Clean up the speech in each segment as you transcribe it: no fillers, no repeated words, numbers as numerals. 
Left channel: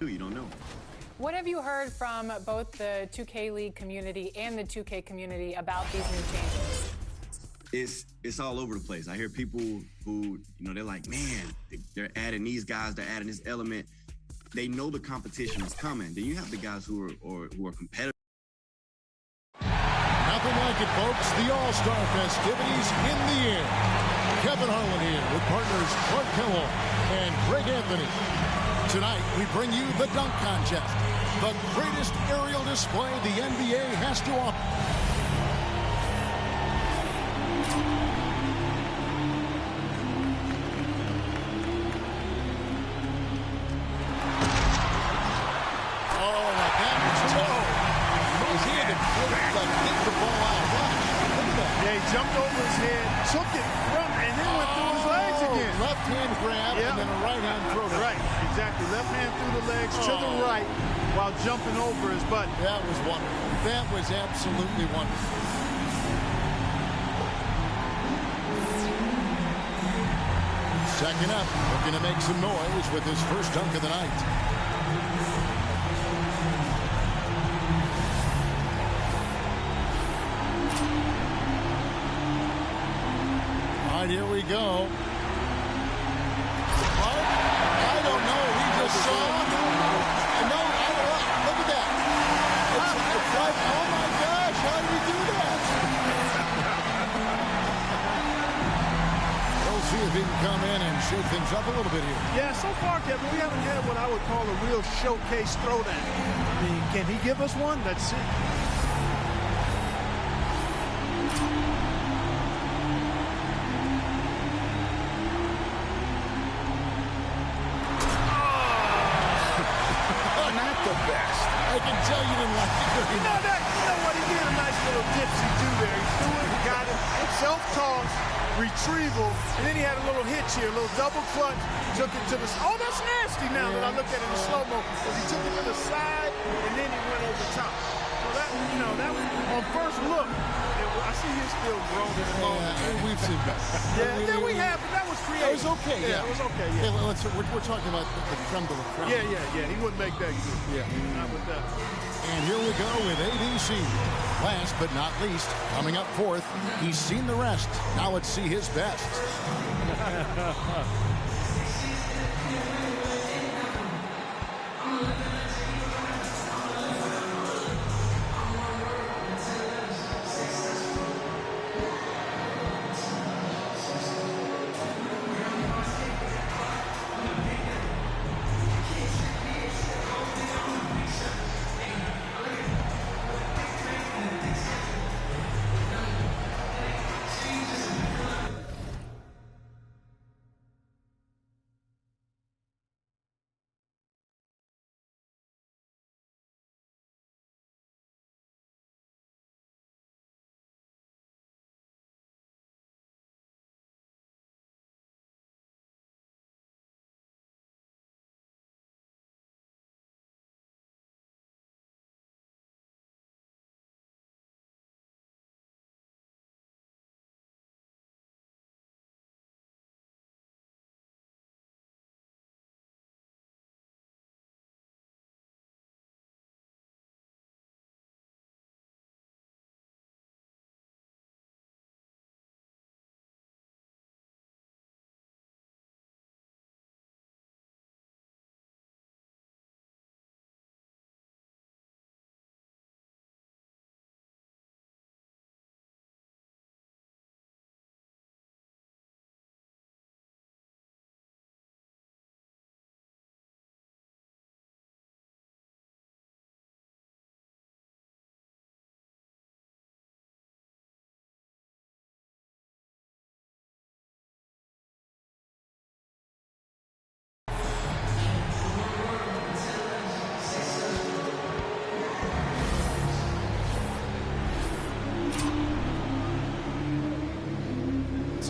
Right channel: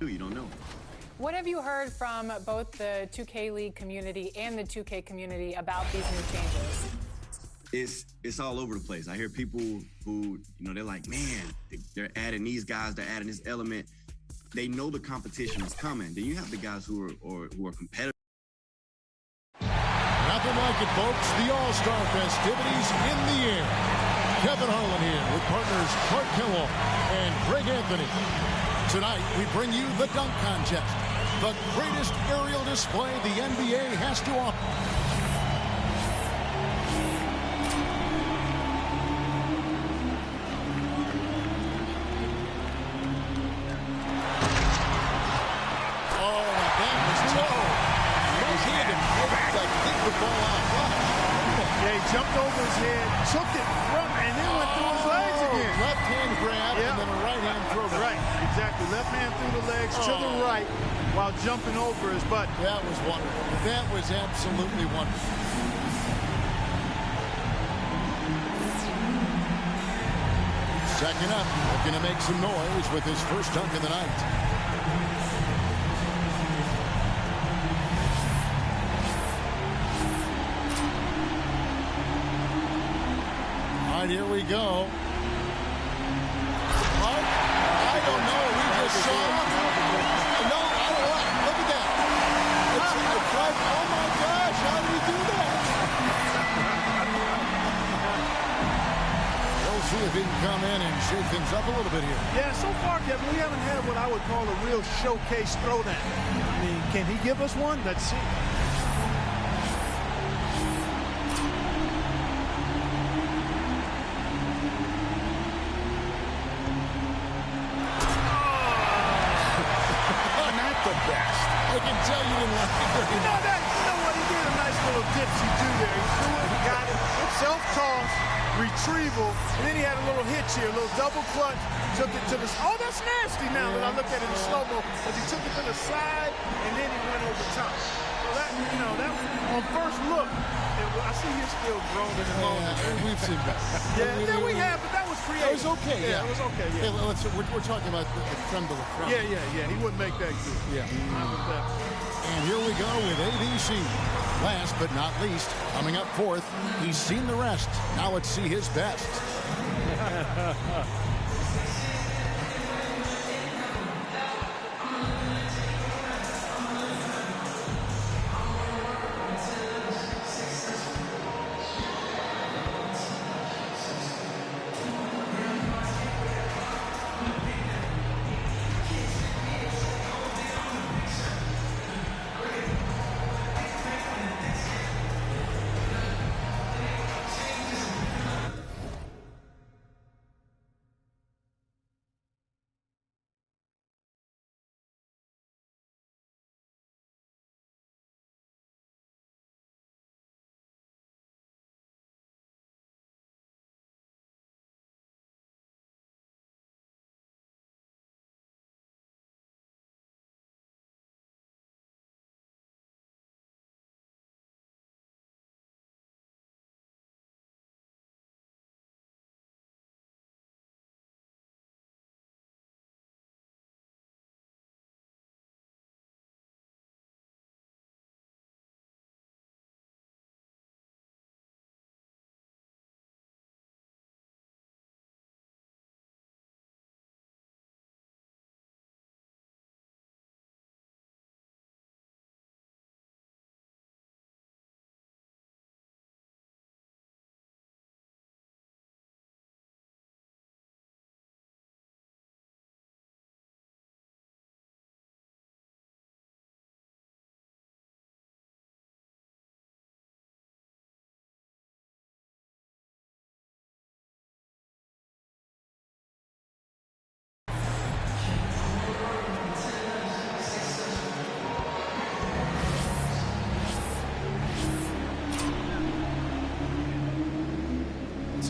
You don't know. What have you heard from both the 2K League community and the 2K community about these new changes? It's all over the place. I hear people who, they're like, man, they're adding these guys, they're adding this element. They know the competition is coming. Then you have the guys who are competitive. Nothing like it, folks. The All-Star festivities in the air. Kevin Harlan here with partners Clark Kellogg and Greg Anthony. Tonight, we bring you the dunk contest, the greatest aerial display the NBA has to offer. Oh, now that was tough. He had to kick the ball out. Watch. Look at that. Yeah, he jumped over his head, took it from, and then went through his legs again. Left hand grab and then a right hand throw down. Right, exactly. Left hand through the legs to the right while jumping over his buddy. That was wonderful. That was absolutely wonderful. Second up, looking to make some noise with his first dunk of the night. All right, here we go. Clark, I don't know. We just saw. No, I don't know. Look at that. It's like, oh my gosh, how did he do that? We'll see if he can come in and shake things up a little bit here. Yeah, so far, Kevin, we haven't had what I would call a real showcase throwdown. I mean, can he give us one? Let's see. Not the best. I can tell you didn't like it very much. You know what? He did a nice little dipsy-do there. He threw it, got it, self-toss, retrieval, and then he had a little hitch here, a little double clutch, took it to the... Oh, that's nasty now that I look at it in slow-mo, because he took it to the side, and then he went over top. So that, that was, on first look, I see you're still groaning and moaning. We've seen that. Yeah, we have, but that was creative. It was okay, yeah. It was okay, yeah. We're talking about the creme de la creme. Yeah. He wouldn't make that good. Yeah. Not with that. And here we go with ABC. Last but not least, coming up fourth, he's seen the rest. Now let's see his best.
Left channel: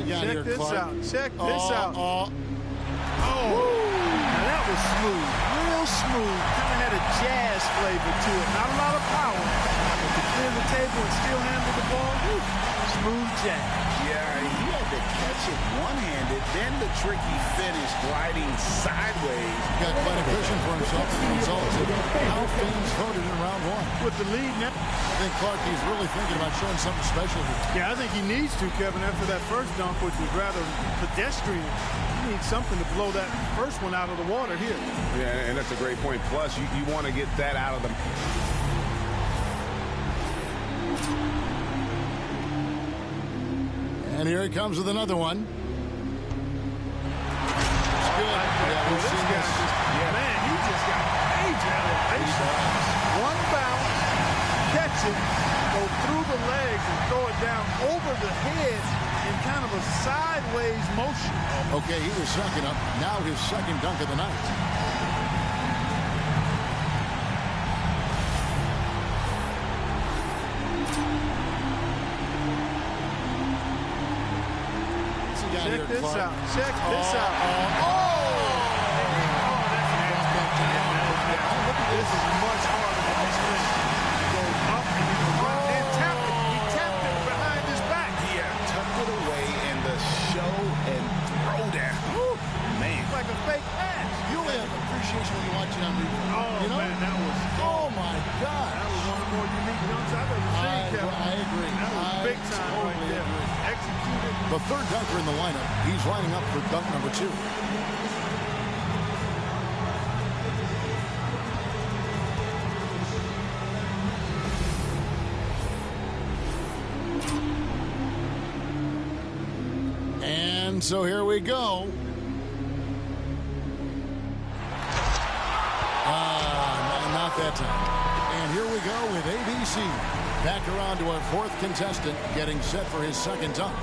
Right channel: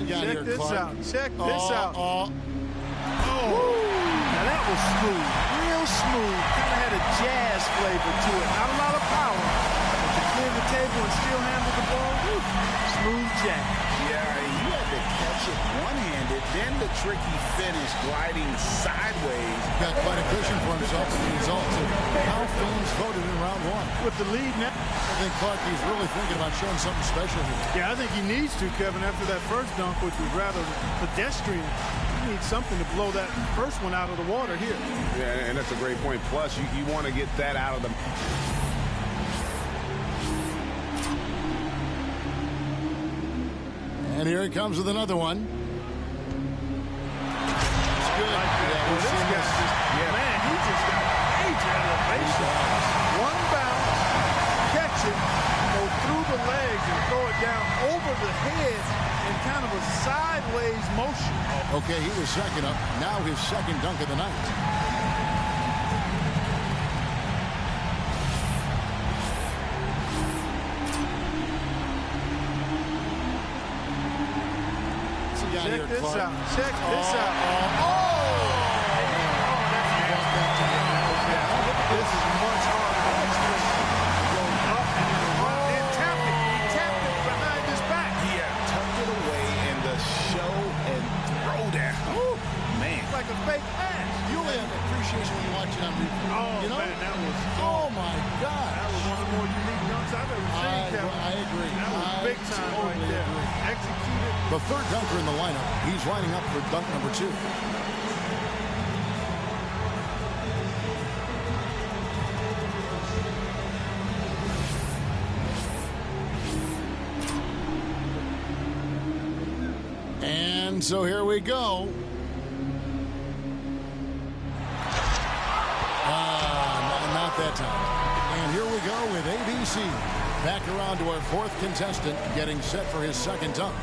Check this out. Check this out. Oh. Now that was smooth. Real smooth. Kind of had a jazz flavor to it. Not a lot of power. But the clear the table and still handle the ball. Whew. Smooth jack. Yeah, he had to catch it one-handed, then the tricky finish gliding sideways. Got quite a cushion for himself as a result of how fans voted in round one. With the lead now. I think Clark is really thinking about showing something special here. Yeah, I think he needs to, Kevin, after that first dunk, which was rather pedestrian. He needs something to blow that first one out of the water here. Yeah, and that's a great point. Plus, you want to get that out of the... And here he comes with another one. It's good. Like yeah, we've this seen guy this. man, he just got major elevation. One bounce, catch it, go through the legs and throw it down over the head in kind of a sideways motion. Okay, he was second up. Now his second dunk of the night. Check this out. Check this out. And then, that's nasty. That was nasty. This is much harder than these things. Goes up and then around. Then tapped it. He tapped it behind his back. Yeah, tucked it away in the show and throwdown. Ooh, man. It's like a fake pass. You only have appreciation when you watch it on replay. Oh, you know? man, that was... Oh, my God. That was one of the more unique dunks I've ever seen, Kevin. I agree. That was big time right there. Agree. Executed. The third dunker in the lineup. He's lining up for dunk number 2. And so here we go. Not that time. And here we go with ABC. Back around to our fourth contestant, getting set for his second dunk.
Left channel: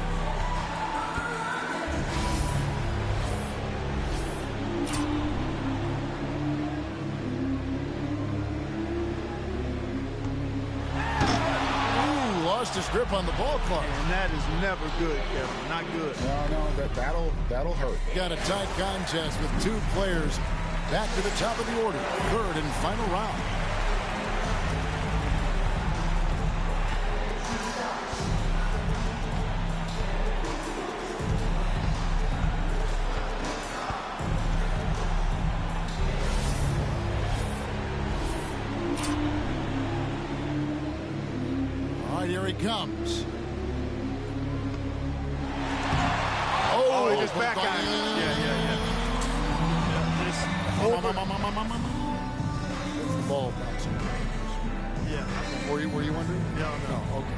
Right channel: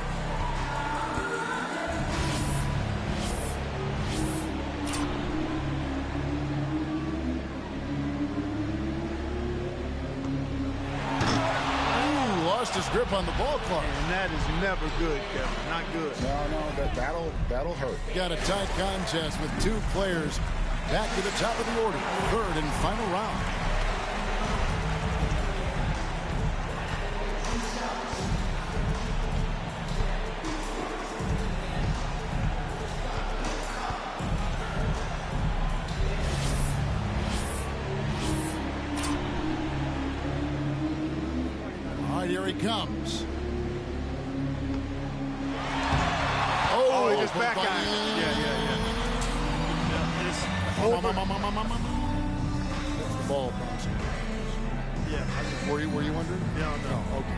Ooh, lost his grip on the ball, Clark. And that is never good, Kevin. Not good. No, that'll hurt. Got a tight contest with two players back to the top of the order. Third and final round. All right, here he comes. Oh, he just back ironed. Yeah. That's the ball bouncing. Yeah. Were you wondering? No. Okay.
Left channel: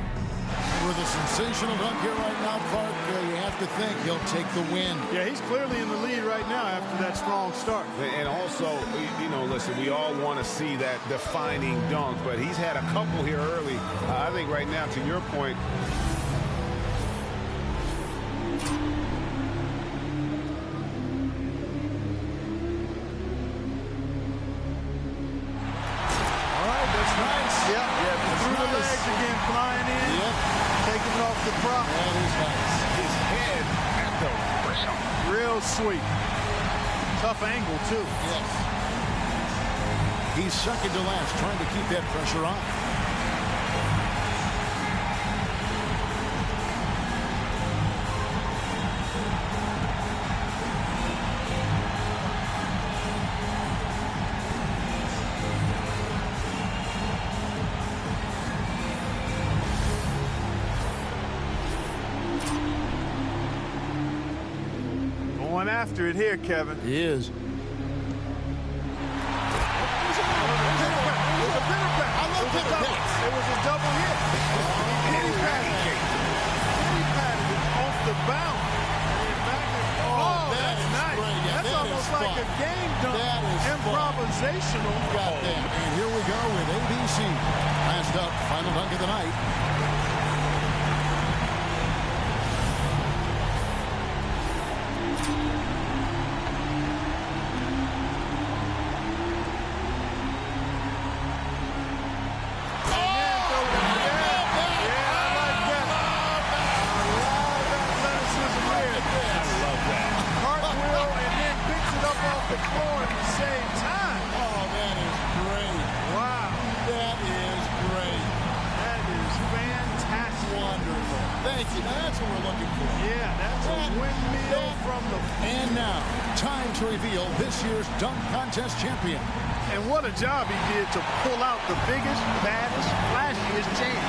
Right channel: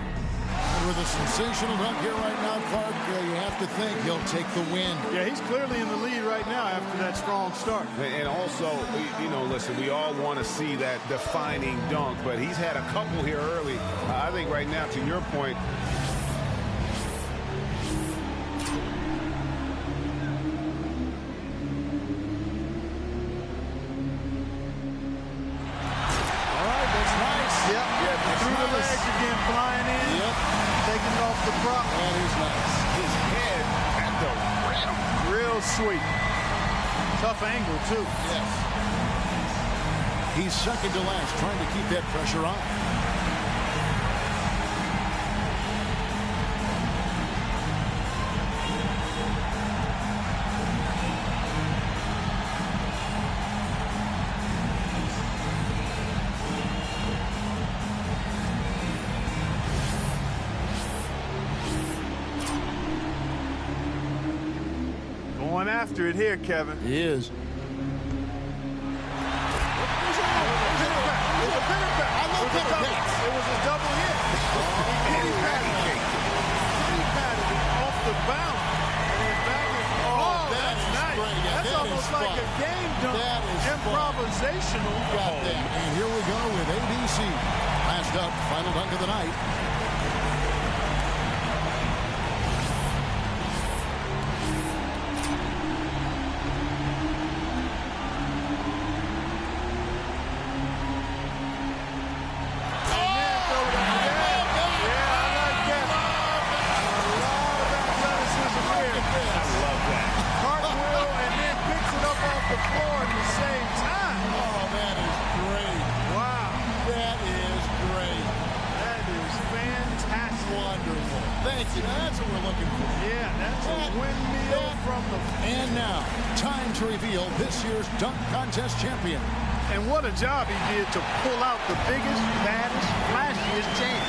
And with a sensational dunk here right now, Clark, you have to think he'll take the win. Yeah, he's clearly in the lead right now after that strong start. And also, listen, we all want to see that defining dunk, but he's had a couple here early. I think right now, to your point, that's nice. Yep. Yeah, that's through the nice. legs again, flying in. Yep. Taking it off the prop. That is nice. His head at the rim. Real sweet. Tough angle, too. Yes. He's second to last, trying to keep that pressure on. Going after it here, Kevin. He is. It was a pitter pat. I love pitter pats. It was a double hit. He patted it off the bounce. And then back and that's nice. Great. Yeah, that's almost like a game dunk. That is improvisational. Got that. And here we go with ABC. Last up, final dunk of the night. Cartwheel and then picks it up off the floor at the same time. Oh, that is great. Wow. That is great. That is fantastic. Wonderful. Thank you. Now that's what we're looking for. Yeah, that's a windmill from the... And now, time to reveal this year's dunk contest champion. And what a job he did to pull out the biggest, baddest, flashiest champ.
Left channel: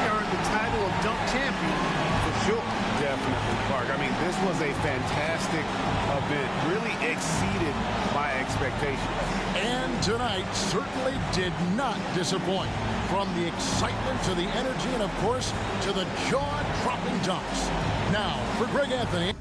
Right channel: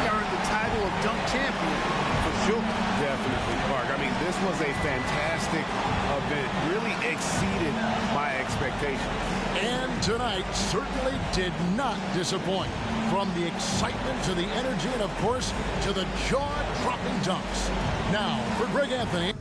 He earned the title of dunk champion for sure. Definitely, Clark. I mean, this was a fantastic event. Really exceeded my expectations. And tonight certainly did not disappoint. From the excitement to the energy and, of course, to the jaw-dropping dunks. Now, for Greg Anthony.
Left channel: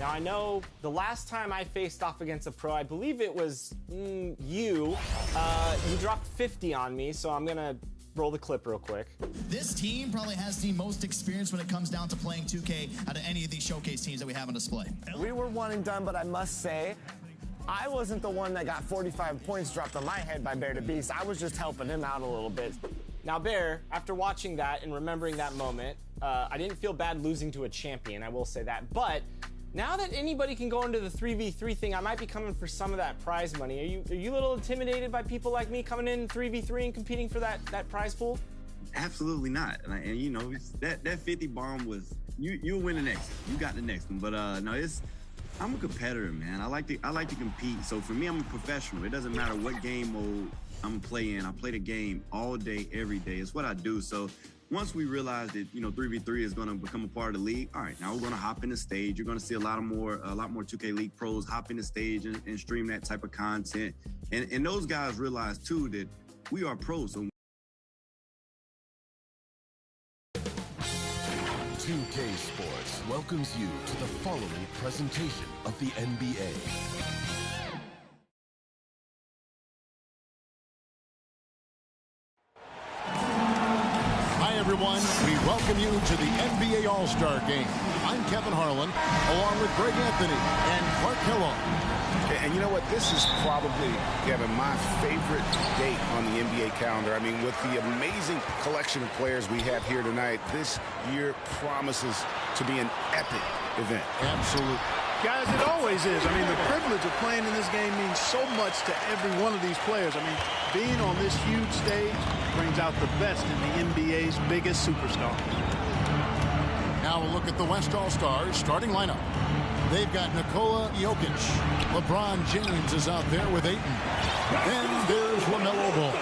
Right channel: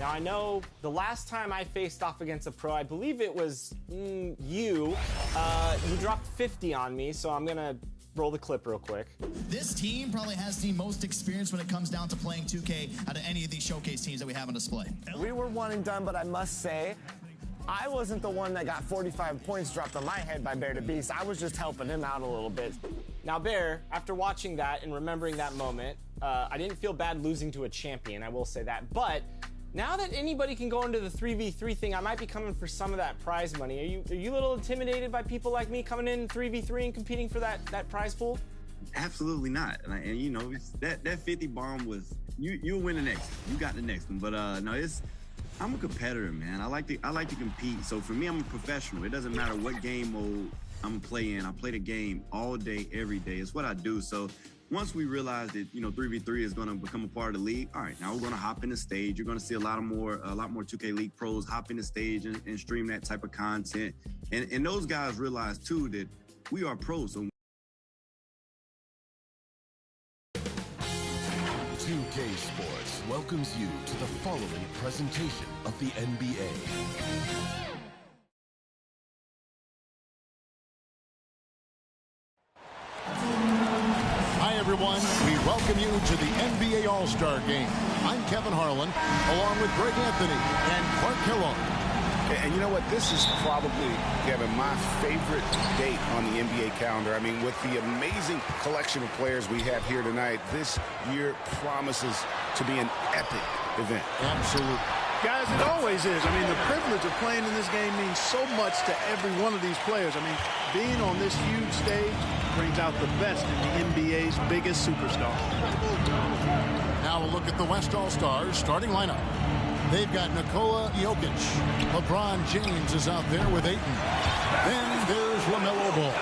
Now, I know the last time I faced off against a pro, I believe it was you. You dropped 50 on me, so I'm going to roll the clip real quick. This team probably has the most experience when it comes down to playing 2K out of any of these showcase teams that we have on display. We were one and done, but I must say, I wasn't the one that got 45 points dropped on my head by Bear the Beast. I was just helping him out a little bit. Now, Bear, after watching that and remembering that moment, I didn't feel bad losing to a champion, I will say that. But now that anybody can go into the 3v3 thing, I might be coming for some of that prize money. Are you a little intimidated by people like me coming in 3v3 and competing for that prize pool? Absolutely not. And you know, that 50 bomb was, you'll win the next one. You got the next one. But no, I'm a competitor, man. I like to compete. So for me, I'm a professional. It doesn't matter what game mode I'm playing. I play the game all day, every day. It's what I do. So once we realize that, you know, 3v3 is going to become a part of the league, all right, now we're going to hop in the stage. You're going to see a lot more 2K League pros hop in the stage and stream that type of content. And those guys realize too that we are pros. So 2K Sports welcomes you to the following presentation of the NBA. Hi, everyone. We welcome you to the NBA All-Star Game. I'm Kevin Harlan, along with Greg Anthony and Clark Kellogg. And you know what? This is probably, Kevin, my favorite date on the NBA calendar. I mean, with the amazing collection of players we have here tonight, this year promises to be an epic event. Absolutely. Guys, it always is. I mean, the privilege of playing in this game means so much to every one of these players. I mean, being on this huge stage brings out the best in the NBA's biggest superstars. Now a look at the West All-Stars starting lineup. They've got Nikola Jokic. LeBron James is out there with Ayton. Then there's LaMelo Ball.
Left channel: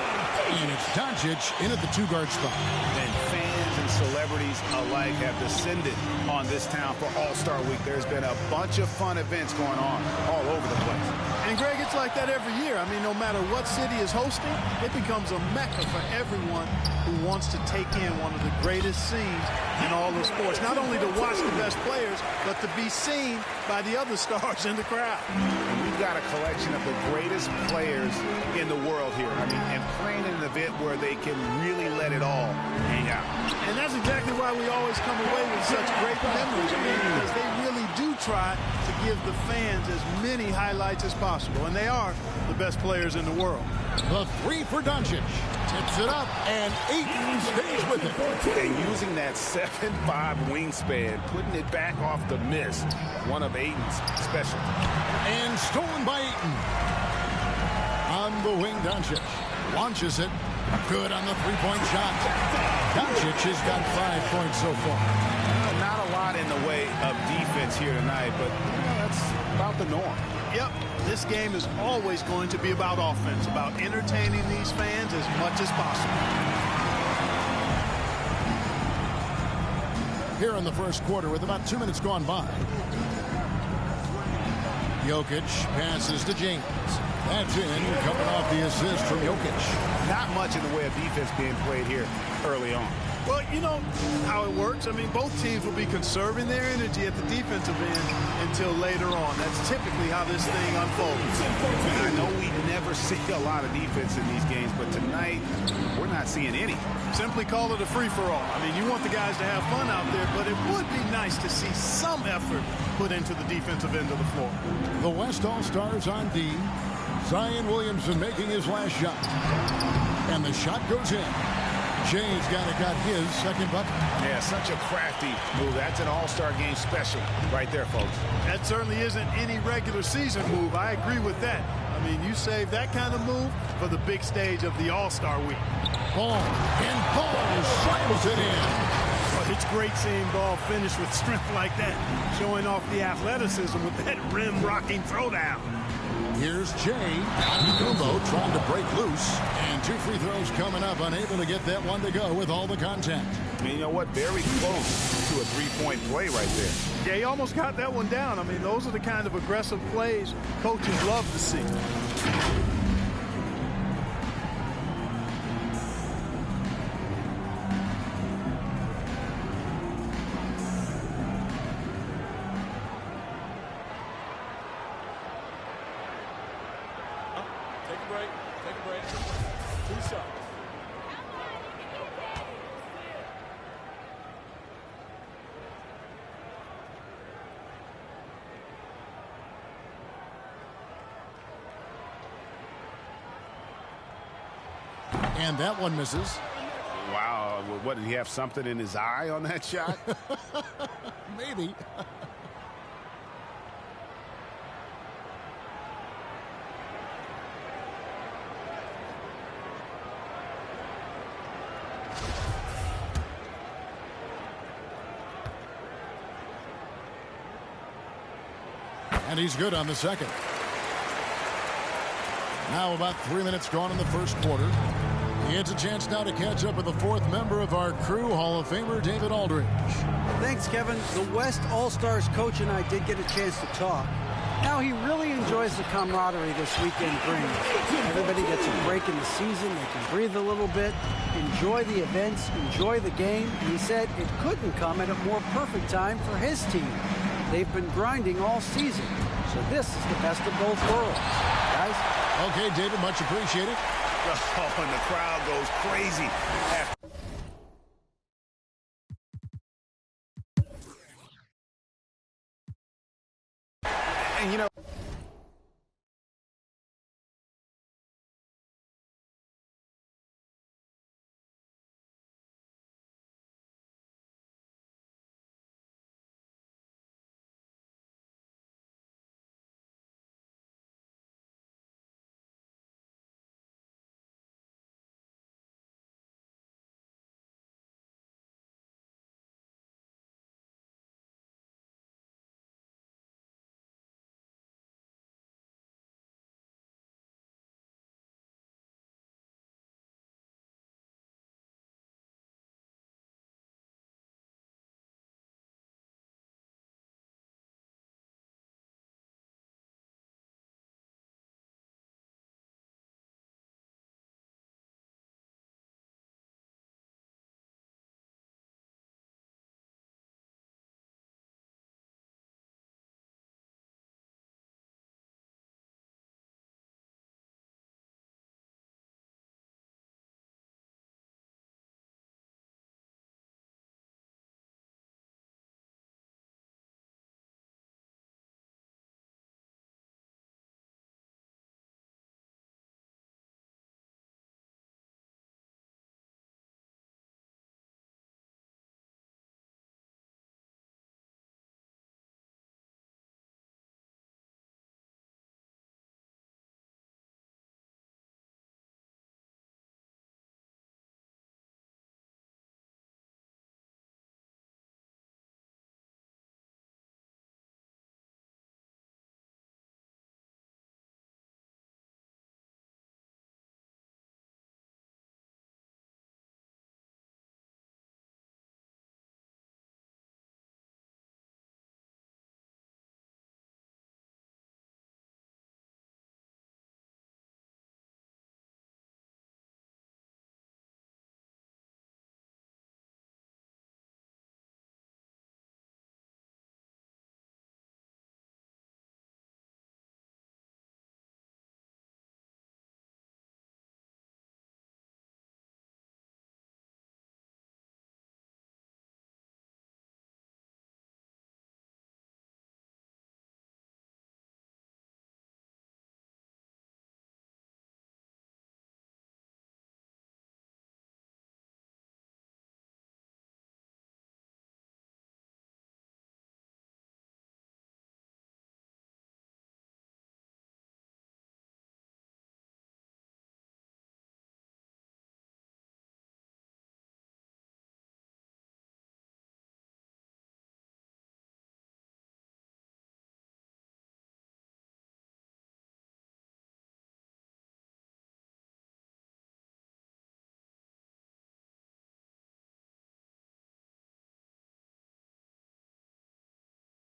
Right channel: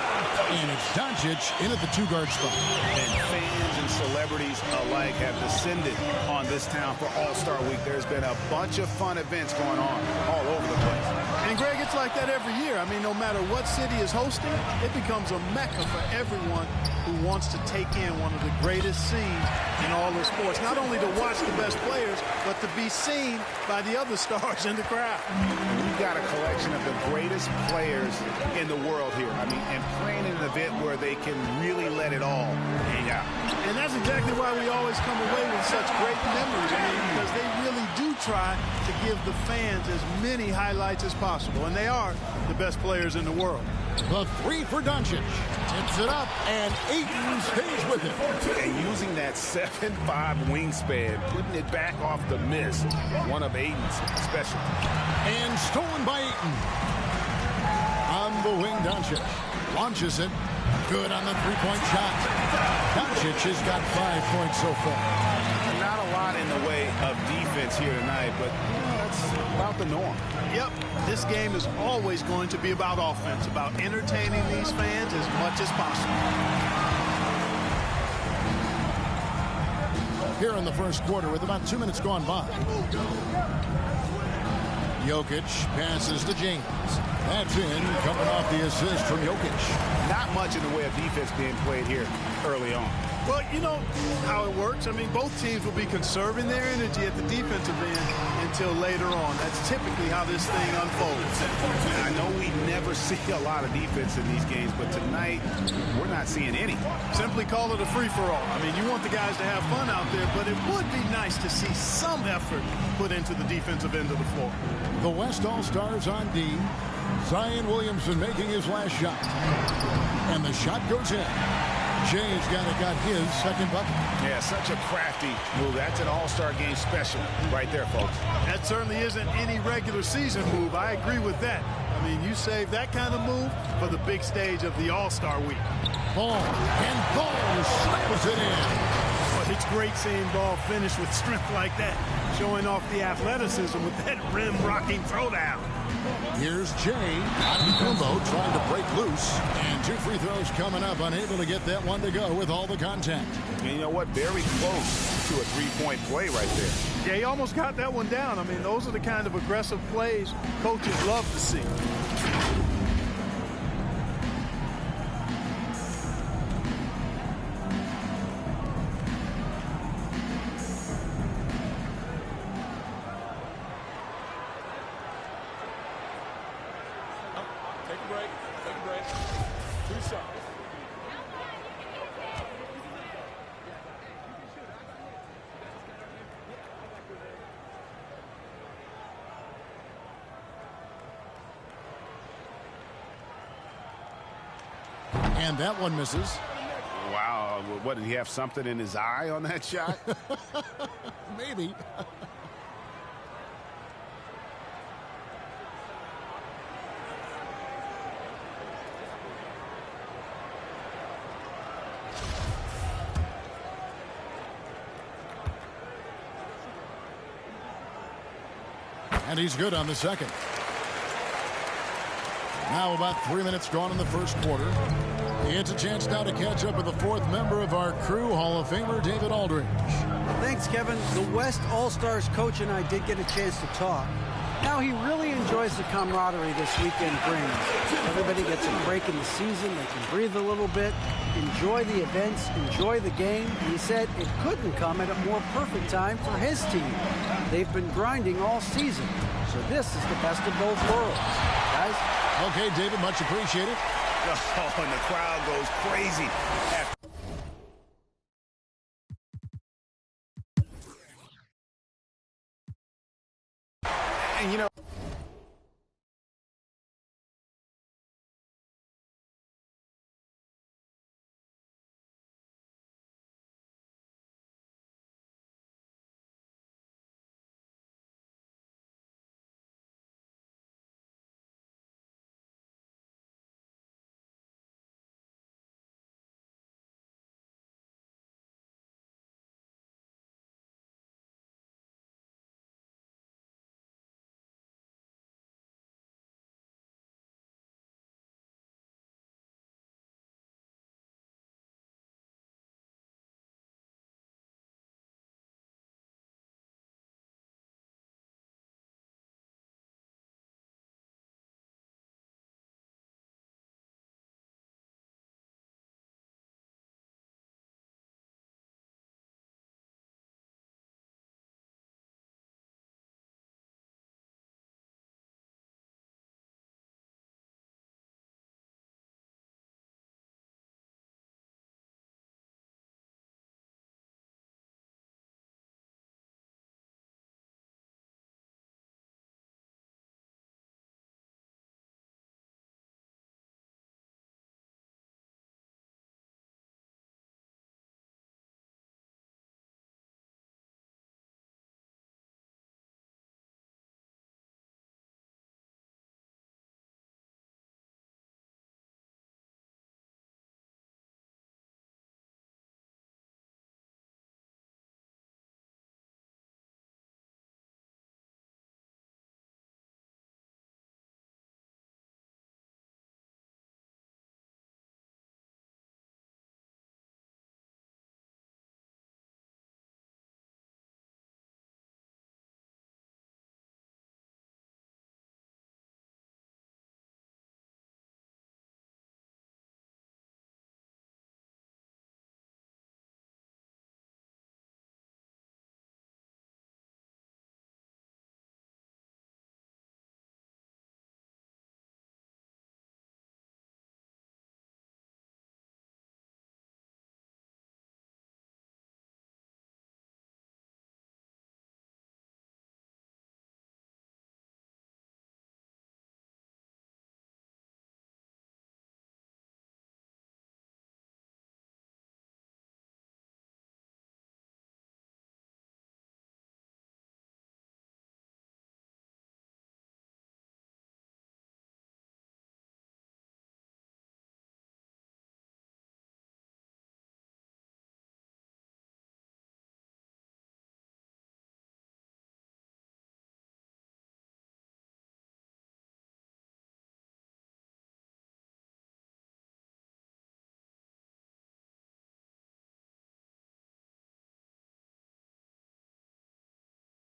And it's Doncic in at the two-guard spot. And fans and celebrities alike have descended on this town for All-Star Week. There's been a bunch of fun events going on all over the place. And, Greg, it's like that every year. I mean, no matter what city is hosting, it becomes a mecca for everyone who wants to take in one of the greatest scenes in all of sports. Not only to watch the best players, but to be seen by the other stars in the crowd. And we've got a collection of the greatest players in the world here. I mean, and playing in an event where they can really let it all hang out. And that's exactly why we always come away with such great memories. I mean, because they really do try to give the fans as many highlights as possible. And they are the best players in the world. The three for Doncic. Tips it up, and Ayton stays with it. And using that 7'5" wingspan, putting it back off the miss, one of Ayton's specialties. And stolen by Ayton. On the wing, Doncic launches it. Good on the three-point shot. Doncic has got 5 points so far. Not a lot in the way of defense here tonight, but you know, that's about the norm. Yep, this game is always going to be about offense, about entertaining these fans as much as possible. Here in the first quarter with about 2 minutes gone by. Jokic passes to James. That's in, coming off the assist from Jokic. Not much in the way of defense being played here early on. Well, you know how it works. I mean, both teams will be conserving their energy at the defensive end until later on. That's typically how this thing unfolds. I know we never see a lot of defense in these games, but tonight we're not seeing any. Simply call it a free-for-all. I mean, you want the guys to have fun out there, but it would be nice to see some effort put into the defensive end of the floor. The West All-Stars on D. Zion Williamson making his last shot. And the shot goes in. Jay's got his second bucket. Yeah, such a crafty move. That's an All-Star game special right there, folks. That certainly isn't any regular season move. I agree with that. I mean, you save that kind of move for the big stage of the All-Star week. Ball, and Ball slams it in. But it's great seeing Ball finish with strength like that, showing off the athleticism with that rim-rocking throwdown. Here's Jay Antetokounmpo trying to break loose, and 2 free throws coming up, unable to get that one to go with all the contact. And you know what? Very close to a three-point play right there. Yeah, he almost got that one down. I mean, those are the kind of aggressive plays coaches love to see. Take a break. Take a break. 2 shots. And that one misses. Wow. What, did he have something in his eye on that shot? Maybe. And he's good on the second. Now about 3 minutes gone in the first quarter. He gets a chance now to catch up with the fourth member of our crew, Hall of Famer David Aldridge. Thanks, Kevin. The West All-Stars coach and I did get a chance to talk. Now he really enjoys the camaraderie this weekend brings. Everybody gets a break in the season. They can breathe a little bit, enjoy the events, enjoy the game. And he said it couldn't come at a more perfect time for his team. They've been grinding all season, so this is the best of both worlds. Guys? Okay, David, much appreciated. Oh, and the crowd goes crazy after. And, you know,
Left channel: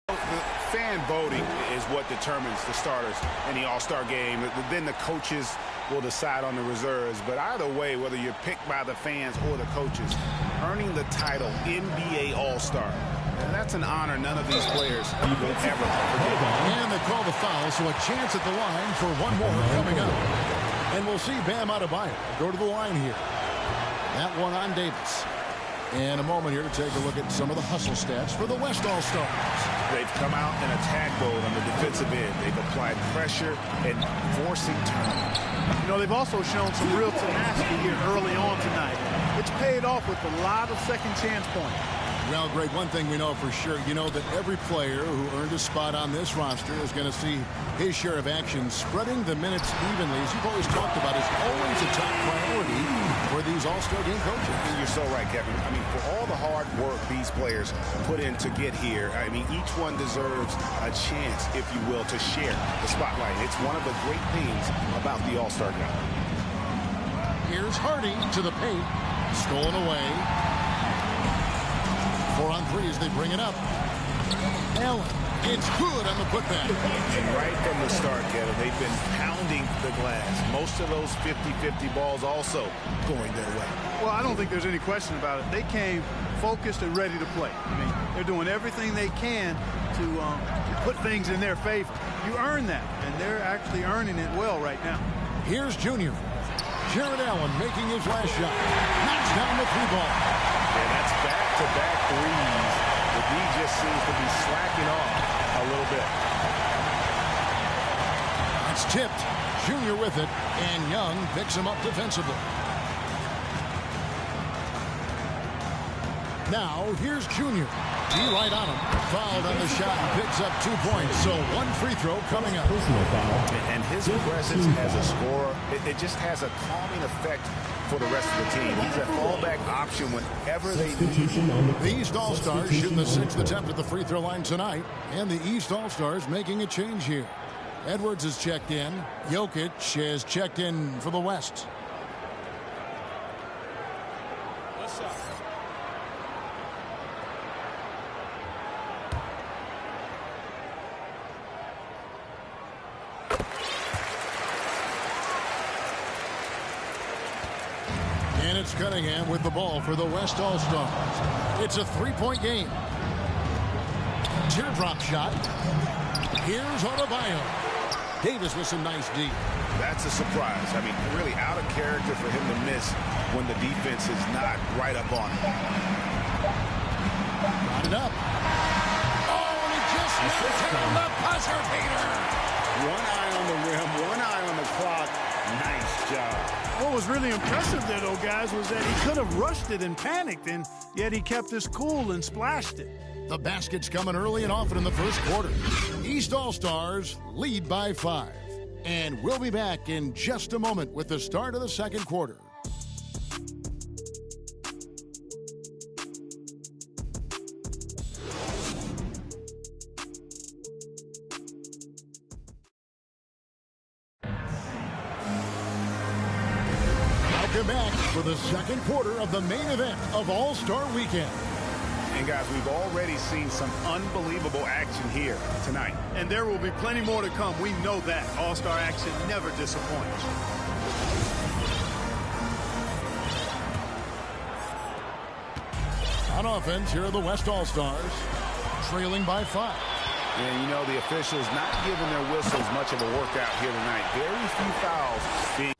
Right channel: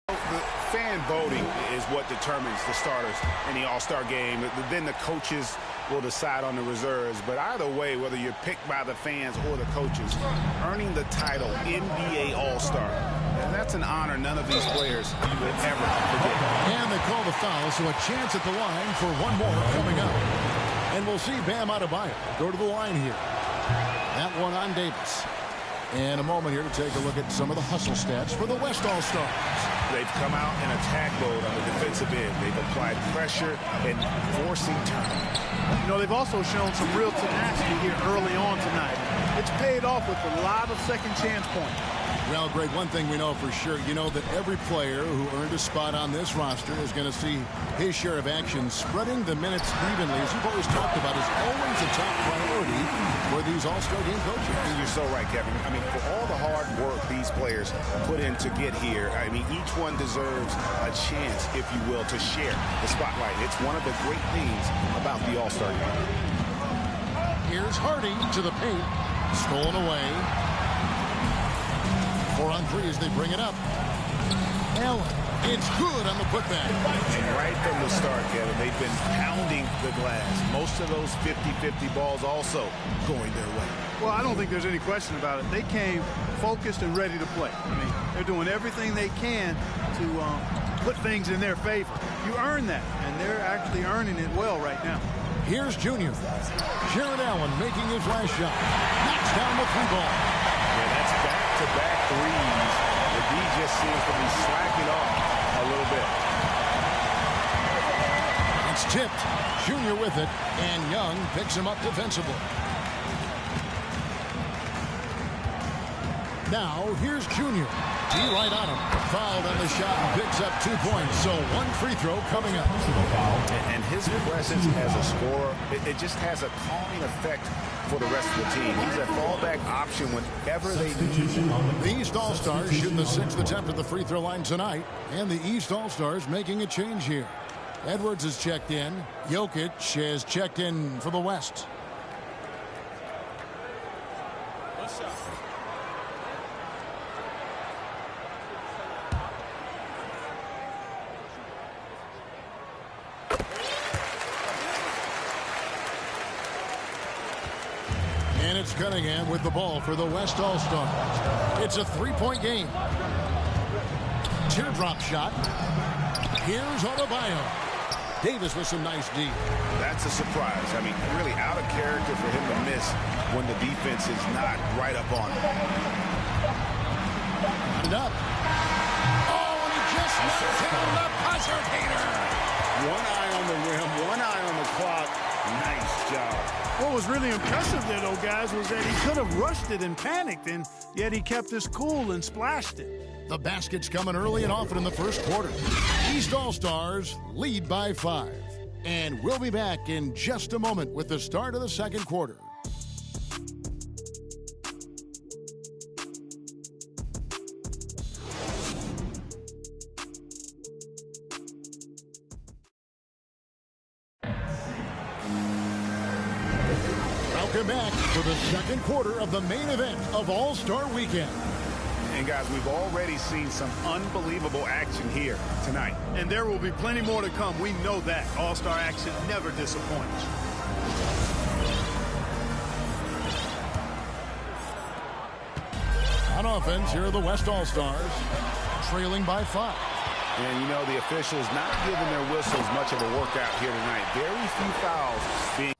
the fan voting is what determines the starters in the All-Star game. Then the coaches will decide on the reserves. But either way, whether you're picked by the fans or the coaches, earning the title NBA All-Star, that's an honor none of these players will ever forget. And they call the foul, so a chance at the line for one more coming up. And we'll see Bam Adebayo go to the line here. That one on Davis. And a moment here to take a look at some of the hustle stats for the West All-Stars. They've come out in attack mode on the defensive end. They've applied pressure and forcing turnovers. You know, they've also shown some real tenacity here early on tonight. It's paid off with a lot of second chance points. Well, Greg, one thing we know for sure, you know that every player who earned a spot on this roster is going to see his share of action. Spreading the minutes evenly, as you've always talked about, is always a top priority for these All-Star game coaches. And you're so right, Kevin. I mean, for all the hard work these players put in to get here, I mean, each one deserves a chance, if you will, to share the spotlight. It's one of the great things about the All-Star game. Here's Hardy to the paint. Stolen away. 4 on 3 as they bring it up. Allen, it's good on the putback. And right from the start, Kevin, they've been pounding the glass. Most of those 50-50 balls also going their way. Well, I don't think there's any question about it. They came focused and ready to play. I mean, they're doing everything they can to put things in their favor. You earn that, and they're actually earning it well right now. Here's Junior. Jared Allen making his last shot. Knocks down the 3-ball. Yeah, that's back-to-back threes. The D just seems to be slacking off a little bit. It's tipped. Junior with it, and Young picks him up defensively. Now, here's Junior. D right on him. Fouled on the shot and picks up 2 points. So 1 free throw coming up. And his presence as a scorer, it just has a calming effect for the rest of the team. He's a fallback option whenever they need him. The East All-Stars shooting the 6th attempt at the free throw line tonight. And the East All-Stars making a change here. Edwards has checked in. Jokic has checked in for the West. What's up? And it's Cunningham with the ball for the West All-Stars. It's a 3-point game. Teardrop shot. Here's Adebayo. Davis with some nice D. That's a surprise. I mean, really out of character for him to miss when the defense is not right up on him. Got it up. Oh, and he just knocked down the buzzer beater. One eye on the rim, one eye on the clock. Nice job. What was really impressive there, though, guys, was that he could have rushed it and panicked, and yet he kept his cool and splashed it. The basket's coming early and often in the first quarter. East All-Stars lead by 5. And we'll be back in just a moment with the start of the second quarter. Welcome back for the second quarter of the main event of All-Star Weekend. And guys, we've already seen some unbelievable action here tonight. And there will be plenty more to come. We know that. All-Star action never disappoints. On offense, here are the West All-Stars, trailing by 5. And, you know, the officials not giving their whistles much of a workout here tonight. Very few fouls being...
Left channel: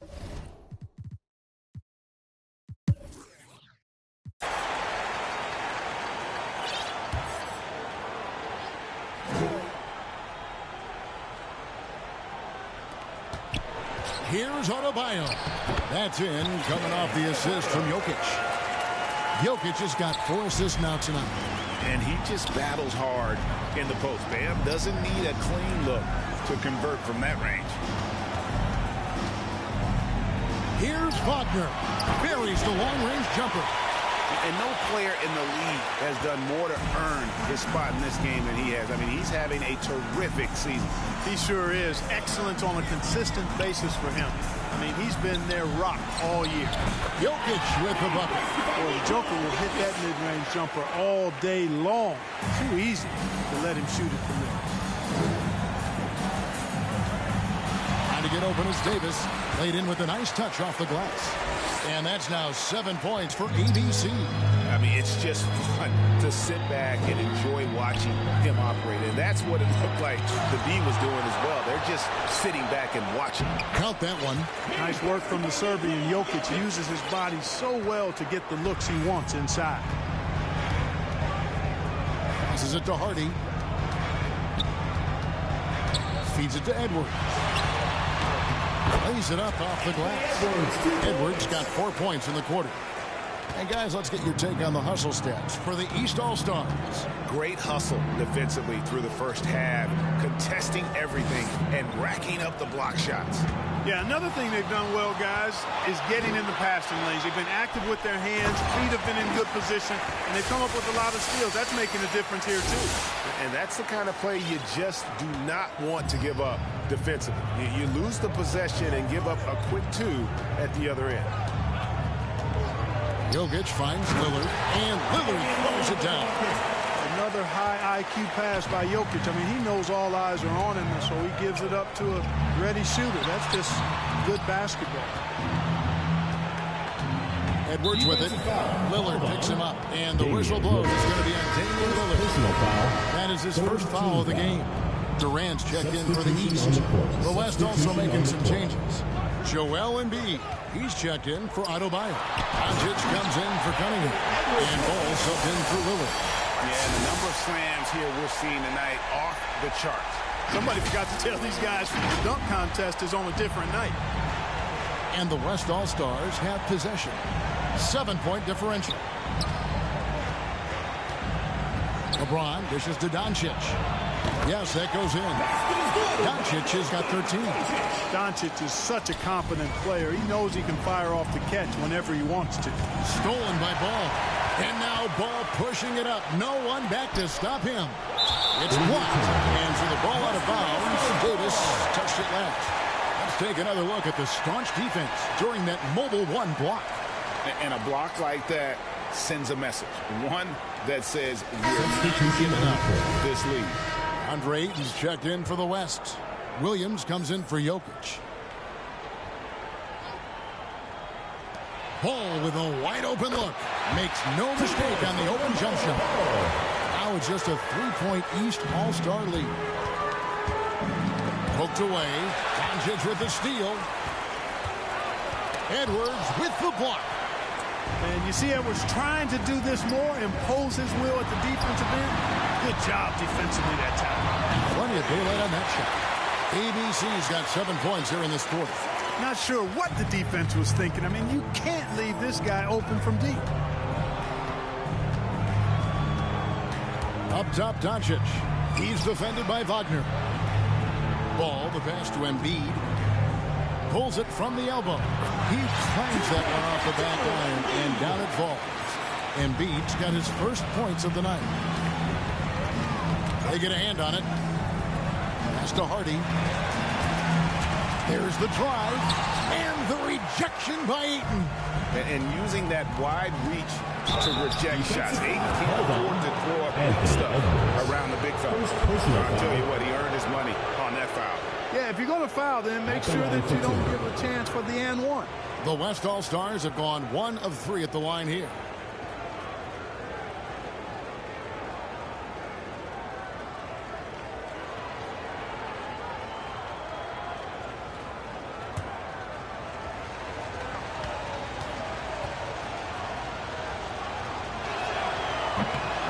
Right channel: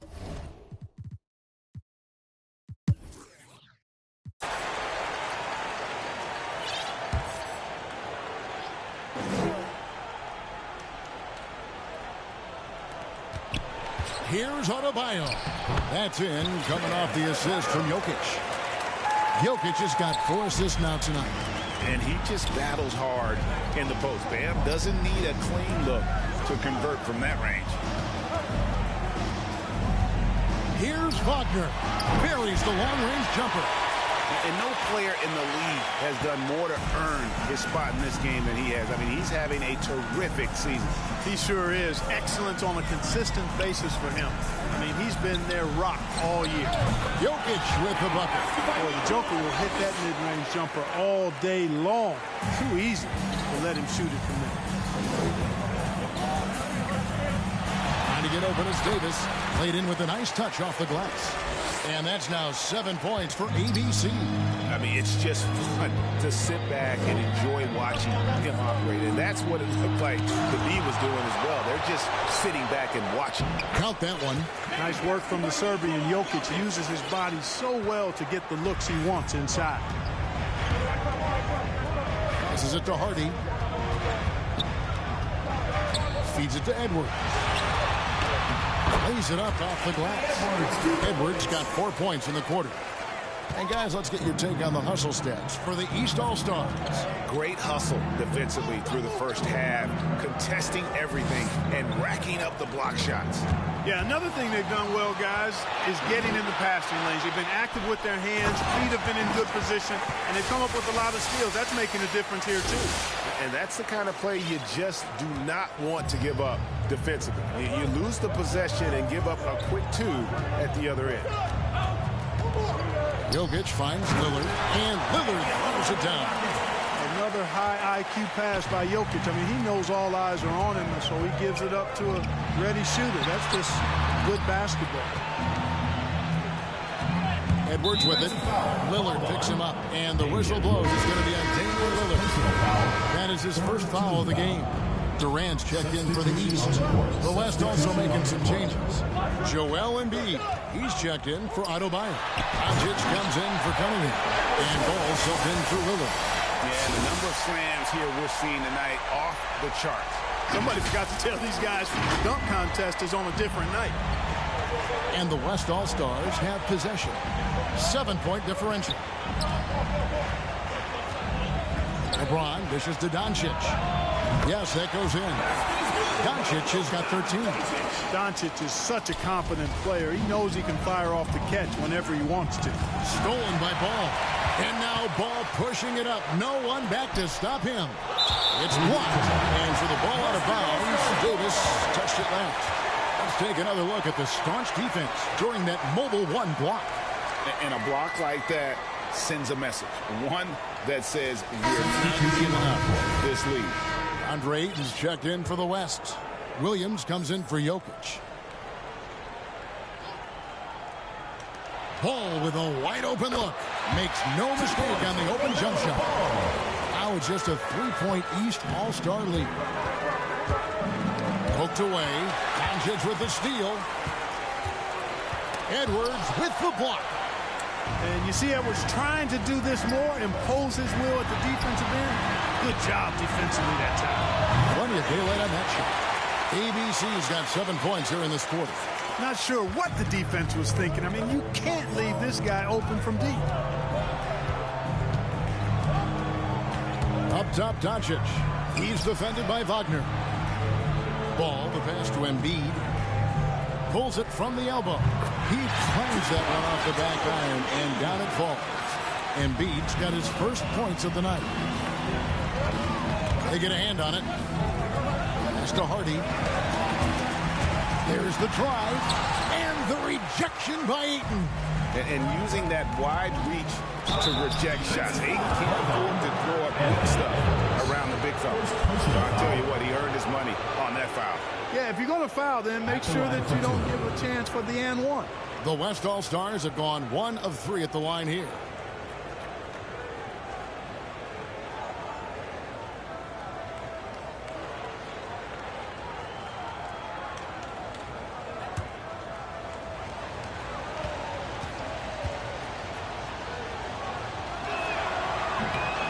Here's Adebayo. That's in, coming off the assist from Jokic. Jokic has got 4 assists now tonight. And he just battles hard in the post. Bam doesn't need a clean look to convert from that range. Here's Wagner. Buries the long-range jumper. And no player in the league has done more to earn his spot in this game than he has. I mean, he's having a terrific season. He sure is. Excellence on a consistent basis for him. I mean, he's been their rock all year. Jokic with the bucket. Boy, the Joker will hit that mid-range jumper all day long. Too easy to let him shoot it from there. Trying to get open is Davis. Played in with a nice touch off the glass. And that's now 7 points for ABC. I mean, it's just fun to sit back and enjoy watching him operate. And that's what it looked like the B was doing as well. They're just sitting back and watching. Count that one. Nice work from the Serbian. Jokic uses his body so well to get the looks he wants inside. Passes it to Hardy. Feeds it to Edwards. Lays it up off the glass. Edwards got 4 points in the quarter. And guys, let's get your take on the hustle stats for the East All-Stars. Great hustle defensively through the first half, contesting everything and racking up the block shots. Yeah, another thing they've done well, guys, is getting in the passing lanes. They've been active with their hands, feet have been in good position, and they've come up with a lot of steals. That's making a difference here, too. And that's the kind of play you just do not want to give up defensively. You lose the possession and give up a quick two at the other end. Jokic finds Lillard, and Lillard throws it down. Another high IQ pass by Jokic. I mean, he knows all eyes are on him, so he gives it up to a ready shooter. That's just good basketball. Edwards with it. Lillard picks him up, and the whistle blows. It's going to be on Damian Lillard. That is his first foul of the game. Durant's checked in for the East. The West also making some changes. Joel Embiid, he's checked in for Adebayo. Doncic comes in for Cunningham. And Ball subbed in for Lillard. Yeah, and the number of slams here we're seeing tonight off the charts. Somebody forgot to tell these guys the dunk contest is on a different night. And the West All-Stars have possession. 7-point differential. LeBron dishes to Doncic. Yes, that goes in. Doncic has got 13. Doncic is such a confident player. He knows he can fire off the catch whenever he wants to. Stolen by Ball. And now Ball pushing it up. No one back to stop him. It's blocked. And for the ball out of bounds, Davis touched it last. Let's take another look at the staunch defense during that Mobile One block. And a block like that sends a message. One that says we're not giving up this lead. Andre Ayton's checked in for the West. Williams comes in for Jokic. Ball with a wide open look. Makes no mistake on the open jump shot. Now it's just a 3-point East All-Star lead. Hooked away. Doncic with the steal. Edwards with the block. And you see Edwards trying to do this more, impose his will at the defensive end. Good job defensively that time. Plenty of daylight on that shot. ABC's got 7 points here in this quarter. Not sure what the defense was thinking. I mean, you can't leave this guy open from deep. Up top, Doncic. He's defended by Wagner. Ball, the pass to Embiid. Pulls it from the elbow. He clangs that one off the back iron, and down it falls. Embiid's got his first points of the night. They get a hand on it. Pass to Hardy. There's the drive, and the rejection by Ayton. And using that wide reach to reject shots. Ayton can't afford to throw up weak stuff around the big fellas. So I'll tell you what, he earned his money on that foul. Yeah, if you're going to foul, then make sure that you don't give a chance for the and one. The West All-Stars have gone 1 of 3 at the line here.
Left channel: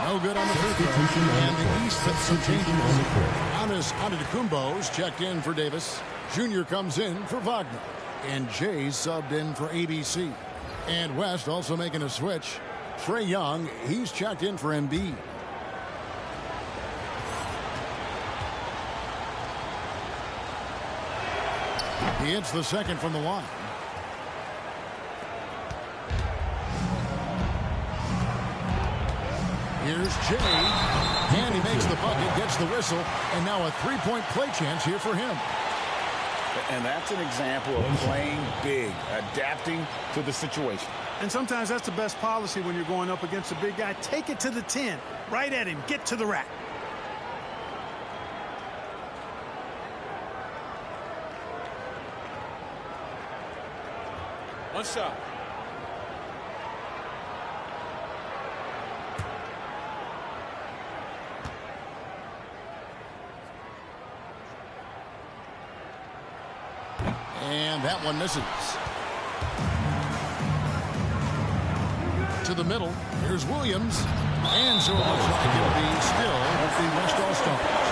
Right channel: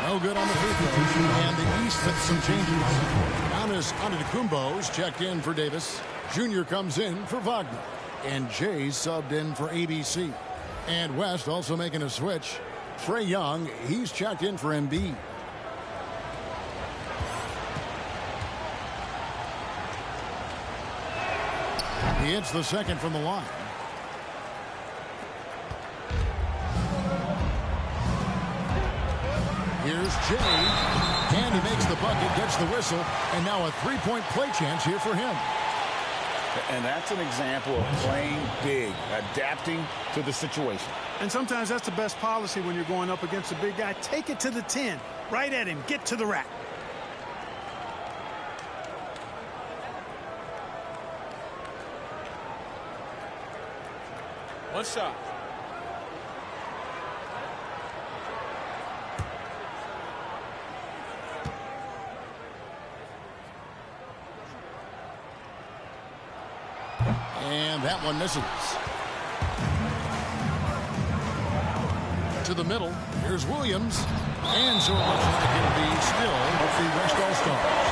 No good on the free throw. And the East with some changes. Giannis Antetokounmpo's checked in for Davis. Junior comes in for Wagner. And Jay's subbed in for ABC. And West also making a switch. Trae Young, he's checked in for Embiid. He hits the second from the line. Here's Jay, and he makes the bucket, gets the whistle, and now a 3-point play chance here for him. And that's an example of playing big, adapting to the situation. And sometimes that's the best policy when you're going up against a big guy. Take it to the 10, right at him, get to the rack. One shot. And that one misses. To the middle. Here's Williams. And so it looks like it'll be still with the West All-Stars.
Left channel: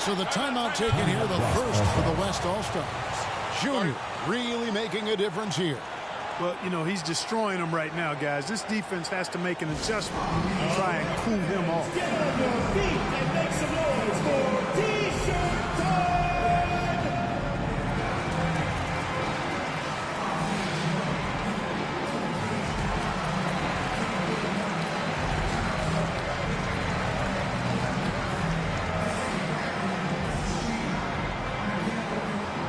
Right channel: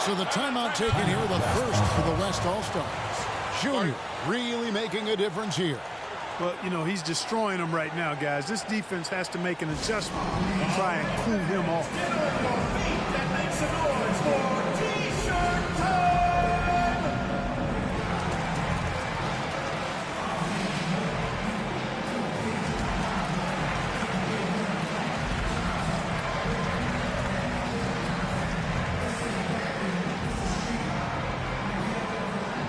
So the timeout taken here, the first for the West All-Stars. Junior really making a difference here. Well, you know, he's destroying them right now, guys. This defense has to make an adjustment and try and cool him off. Get on your feet and make some noise for T-shirt time!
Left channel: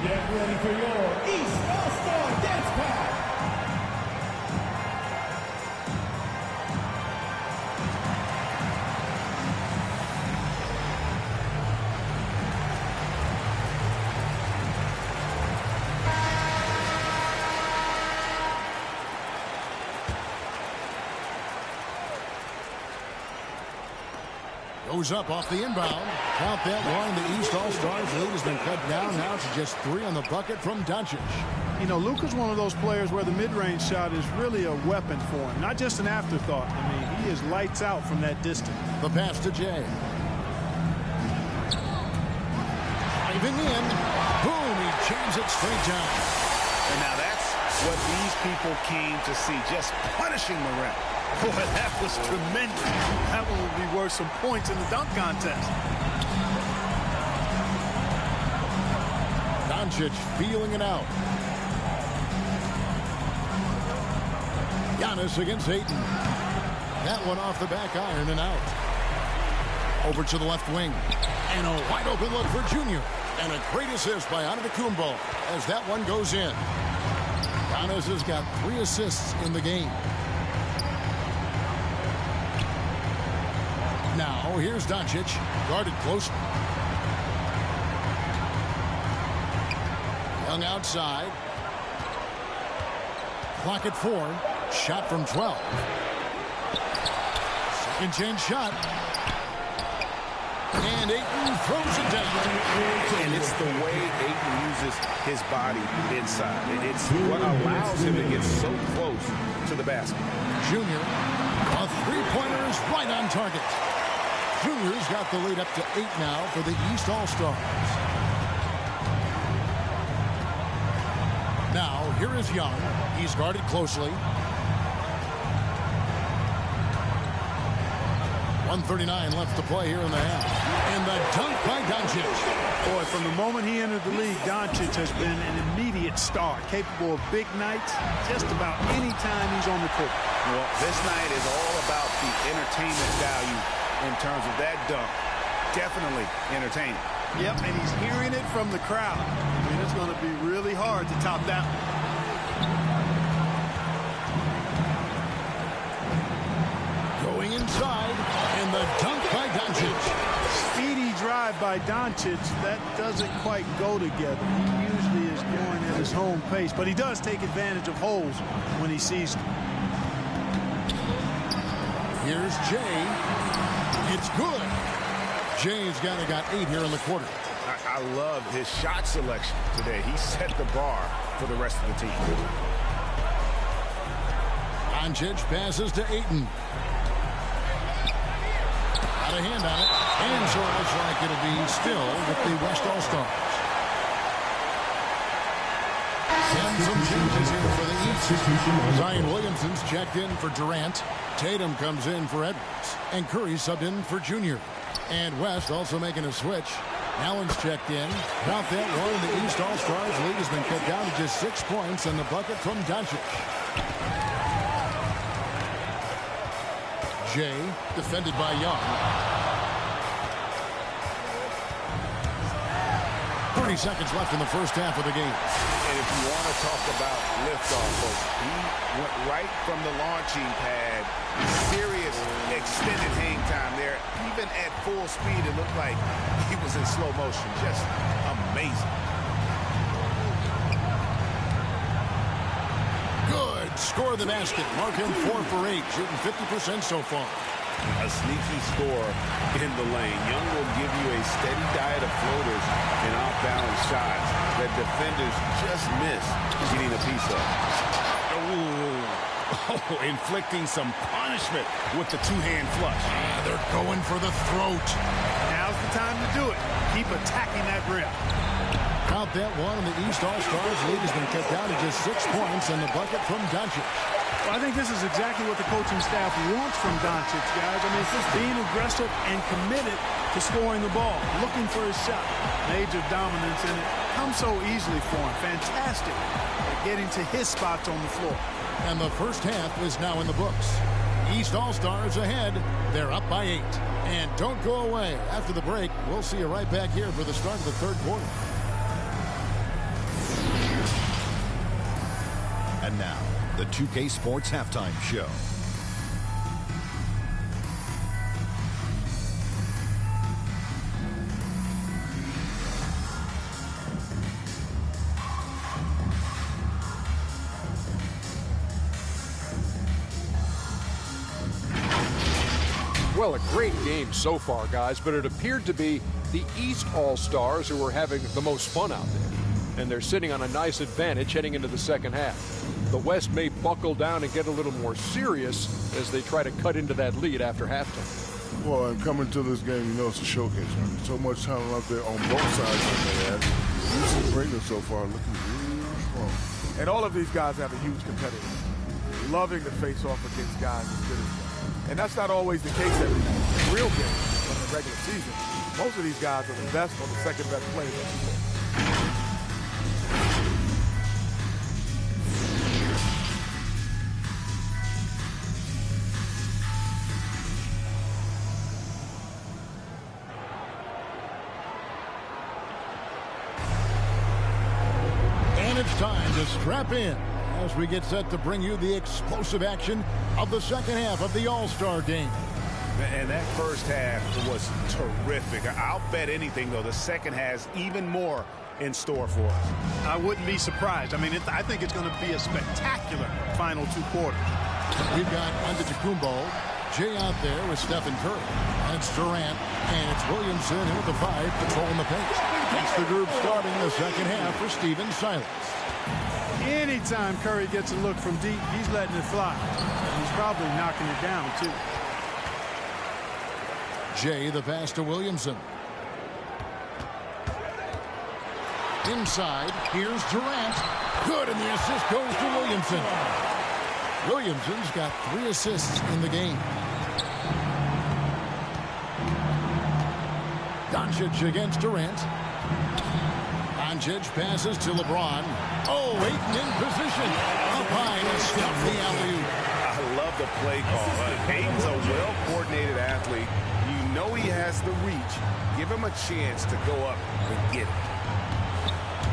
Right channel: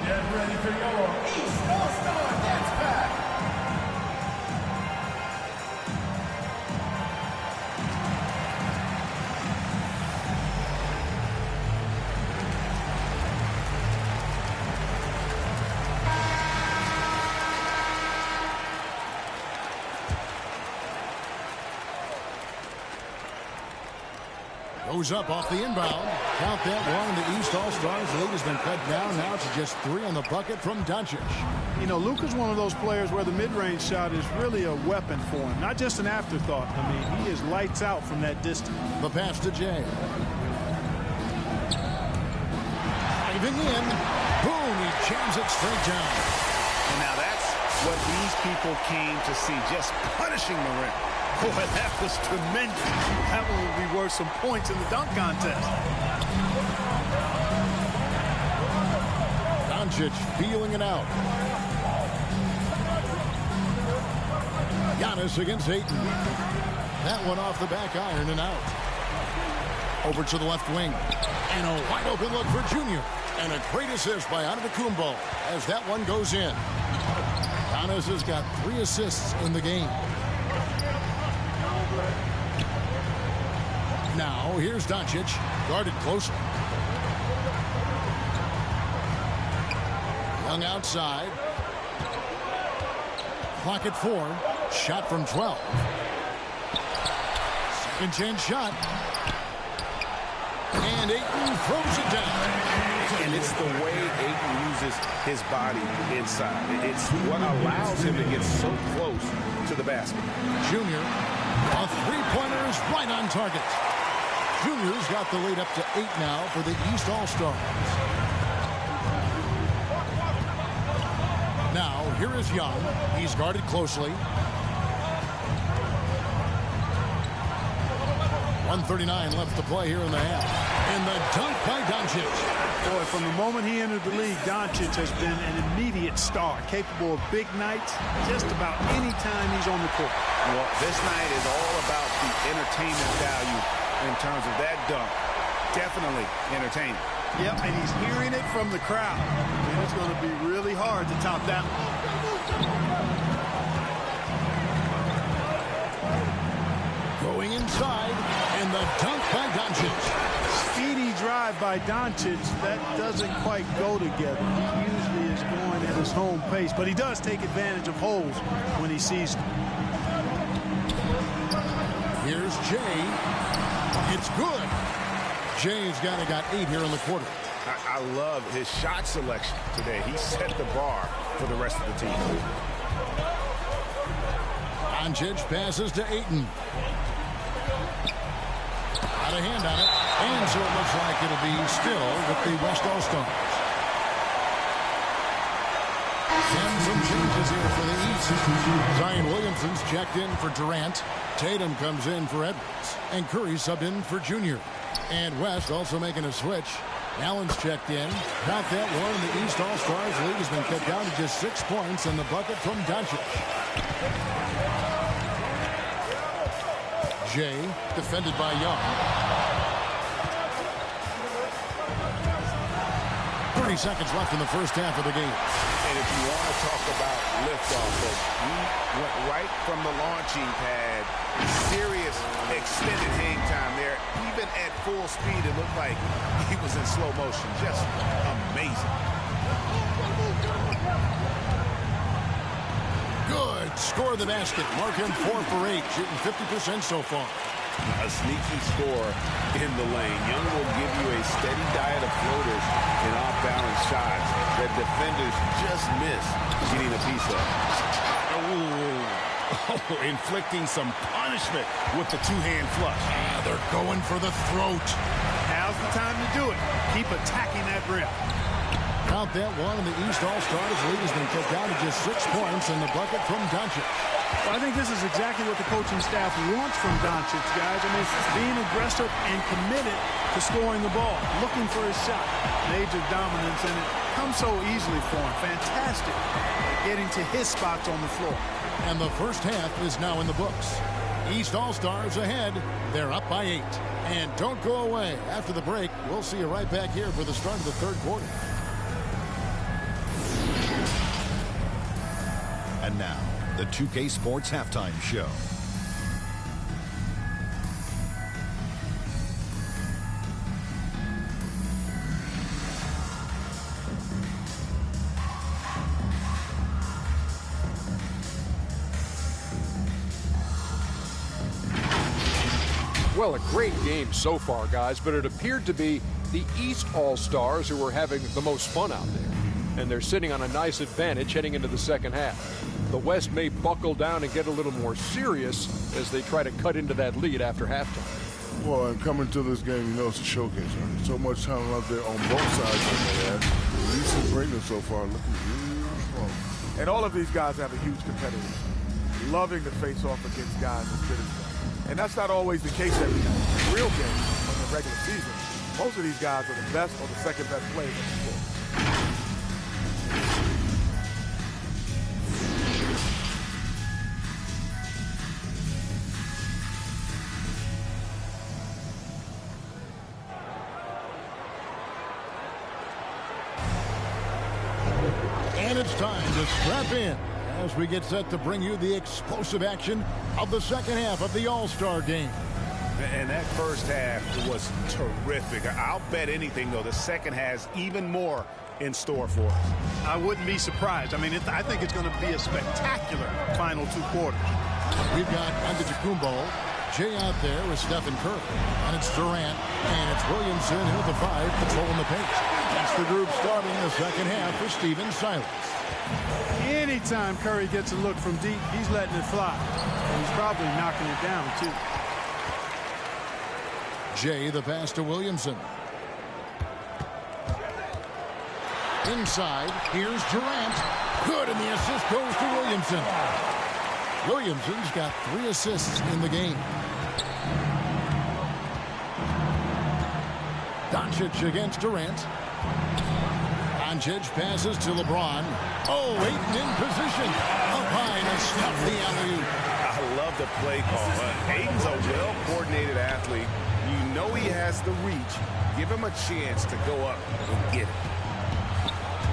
Get ready for your East All-Star Dance Pack! Goes up off the inbound. Count that one. The East All-Stars lead has been cut down now to just 3 on the bucket from Doncic. You know, Luka's one of those players where the mid-range shot is really a weapon for him, not just an afterthought. I mean, he is lights out from that distance. The pass to Jay. Driving in. Boom, he jams it straight down. And now that's what these people came to see, just punishing the rim. Boy, that was tremendous. That one will be worth some points in the dunk contest. Doncic feeling it out. Giannis against Ayton. That one off the back iron and out. Over to the left wing. And a wide open look for Junior. And a great assist by Antetokounmpo as that one goes in. Giannis has got 3 assists in the game. Now, here's Doncic, guarded closely. Young outside. Clock at 4. Shot from 12. Second chance shot. And Ayton throws it down. And it's the way Ayton uses his body inside. It's what allows him to get so close to the basket. Junior, a three-pointer is right on target. Junior's got the lead up to 8 now for the East All-Stars. Now, here is Young. He's guarded closely. 1:39 left to play here in the half. And the dunk by Doncic. Boy, from the moment he entered the league, Doncic has been an immediate star, capable of big nights just about any time he's on the court. Well, this night is all about the entertainment value in terms of that dunk. Definitely entertaining. Yep, and he's hearing it from the crowd. I mean, it's going to be really hard to top that one. Going inside, and the dunk by Doncic. Speedy drive by Doncic. That doesn't quite go together. He usually is going at his home pace, but he does take advantage of holes when he sees them. Here's Jay. It's good. Jay's got 8 here in the quarter. I love his shot selection today. He set the bar for the rest of the team. Doncic passes to Ayton. Got a hand on it. And so it looks like it'll be still with the West All-Stars. And some changes here for the East. Zion Williamson's checked in for Durant. Tatum comes in for Edwards. And Curry subbed in for Junior. And West also making a switch. Allen's checked in. Count that one. The East All-Stars lead has been cut down to just 6 points and the bucket from Doncic. Jay, defended by Young. 30 seconds left in the first half of the game. And if you want to talk about liftoff, folks, he went right from the launching pad. Serious extended hang time there. Even at full speed, it looked like he was in slow motion. Just amazing. Good. Score the basket. Mark him 4 for 8, shooting 50% so far. A sneaky score in the lane. Young will give you a steady diet of floaters and off-balance shots that defenders just miss getting a piece of. Oh, inflicting some punishment with the two-hand flush. They're going for the throat. Now's the time to do it. Keep attacking that rim. Count that one, and the East All-Stars lead has been cut down to just 6 points in the bucket from Doncic. Well, I think this is exactly what the coaching staff wants from Doncic, guys. I mean, being aggressive and committed to scoring the ball, looking for his shot. Major dominance, and it comes so easily for him. Fantastic at getting to his spots on the floor. And the first half is now in the books. East All-Stars ahead. They're up by 8. And don't go away. After the break, we'll see you right back here for the start of the third quarter. And now, the 2K Sports Halftime Show. Well, a great game so far, guys, but it appeared to be the East All-Stars who were having the most fun out there. And they're sitting on a nice advantage heading into the second half. The West may buckle down and get a little more serious as they try to cut into that lead after halftime. Well, and coming to this game, you know it's a showcase. Right? So much talent out there on both sides of that. You've seen greatness so far, looking real strong. And all of these guys have a huge competitive. Loving to face off against guys as good as them. And that's not always the case every night. In real games, on the regular season, most of these guys are the best or the second best players on the floor. And it's time to strap in as we get set to bring you the explosive action of the second half of the All-Star game. And that first half was terrific. I'll bet anything, though, the second has even more in store for us. I wouldn't be surprised. I mean, I think it's going to be a spectacular final 2 quarters. We've got Antetokounmpo, Jay out there with Stephen Curry. And it's Durant, and it's Williamson here at the 5 patrolling the paint. That's the group starting the second half for Stephen Silas. Anytime Curry gets a look from deep, he's letting it fly. And he's probably knocking it down, too. Jay, the pass to Williamson. Inside, here's Durant. Good, and the assist goes to Williamson. Williamson's got 3 assists in the game. Doncic against Durant. Doncic passes to LeBron. Oh, Ayton in position. Up high to stuff the alley-oop. I love the play call. Ayton's a well-coordinated athlete. You know he has the reach. Give him a chance to go up and get it.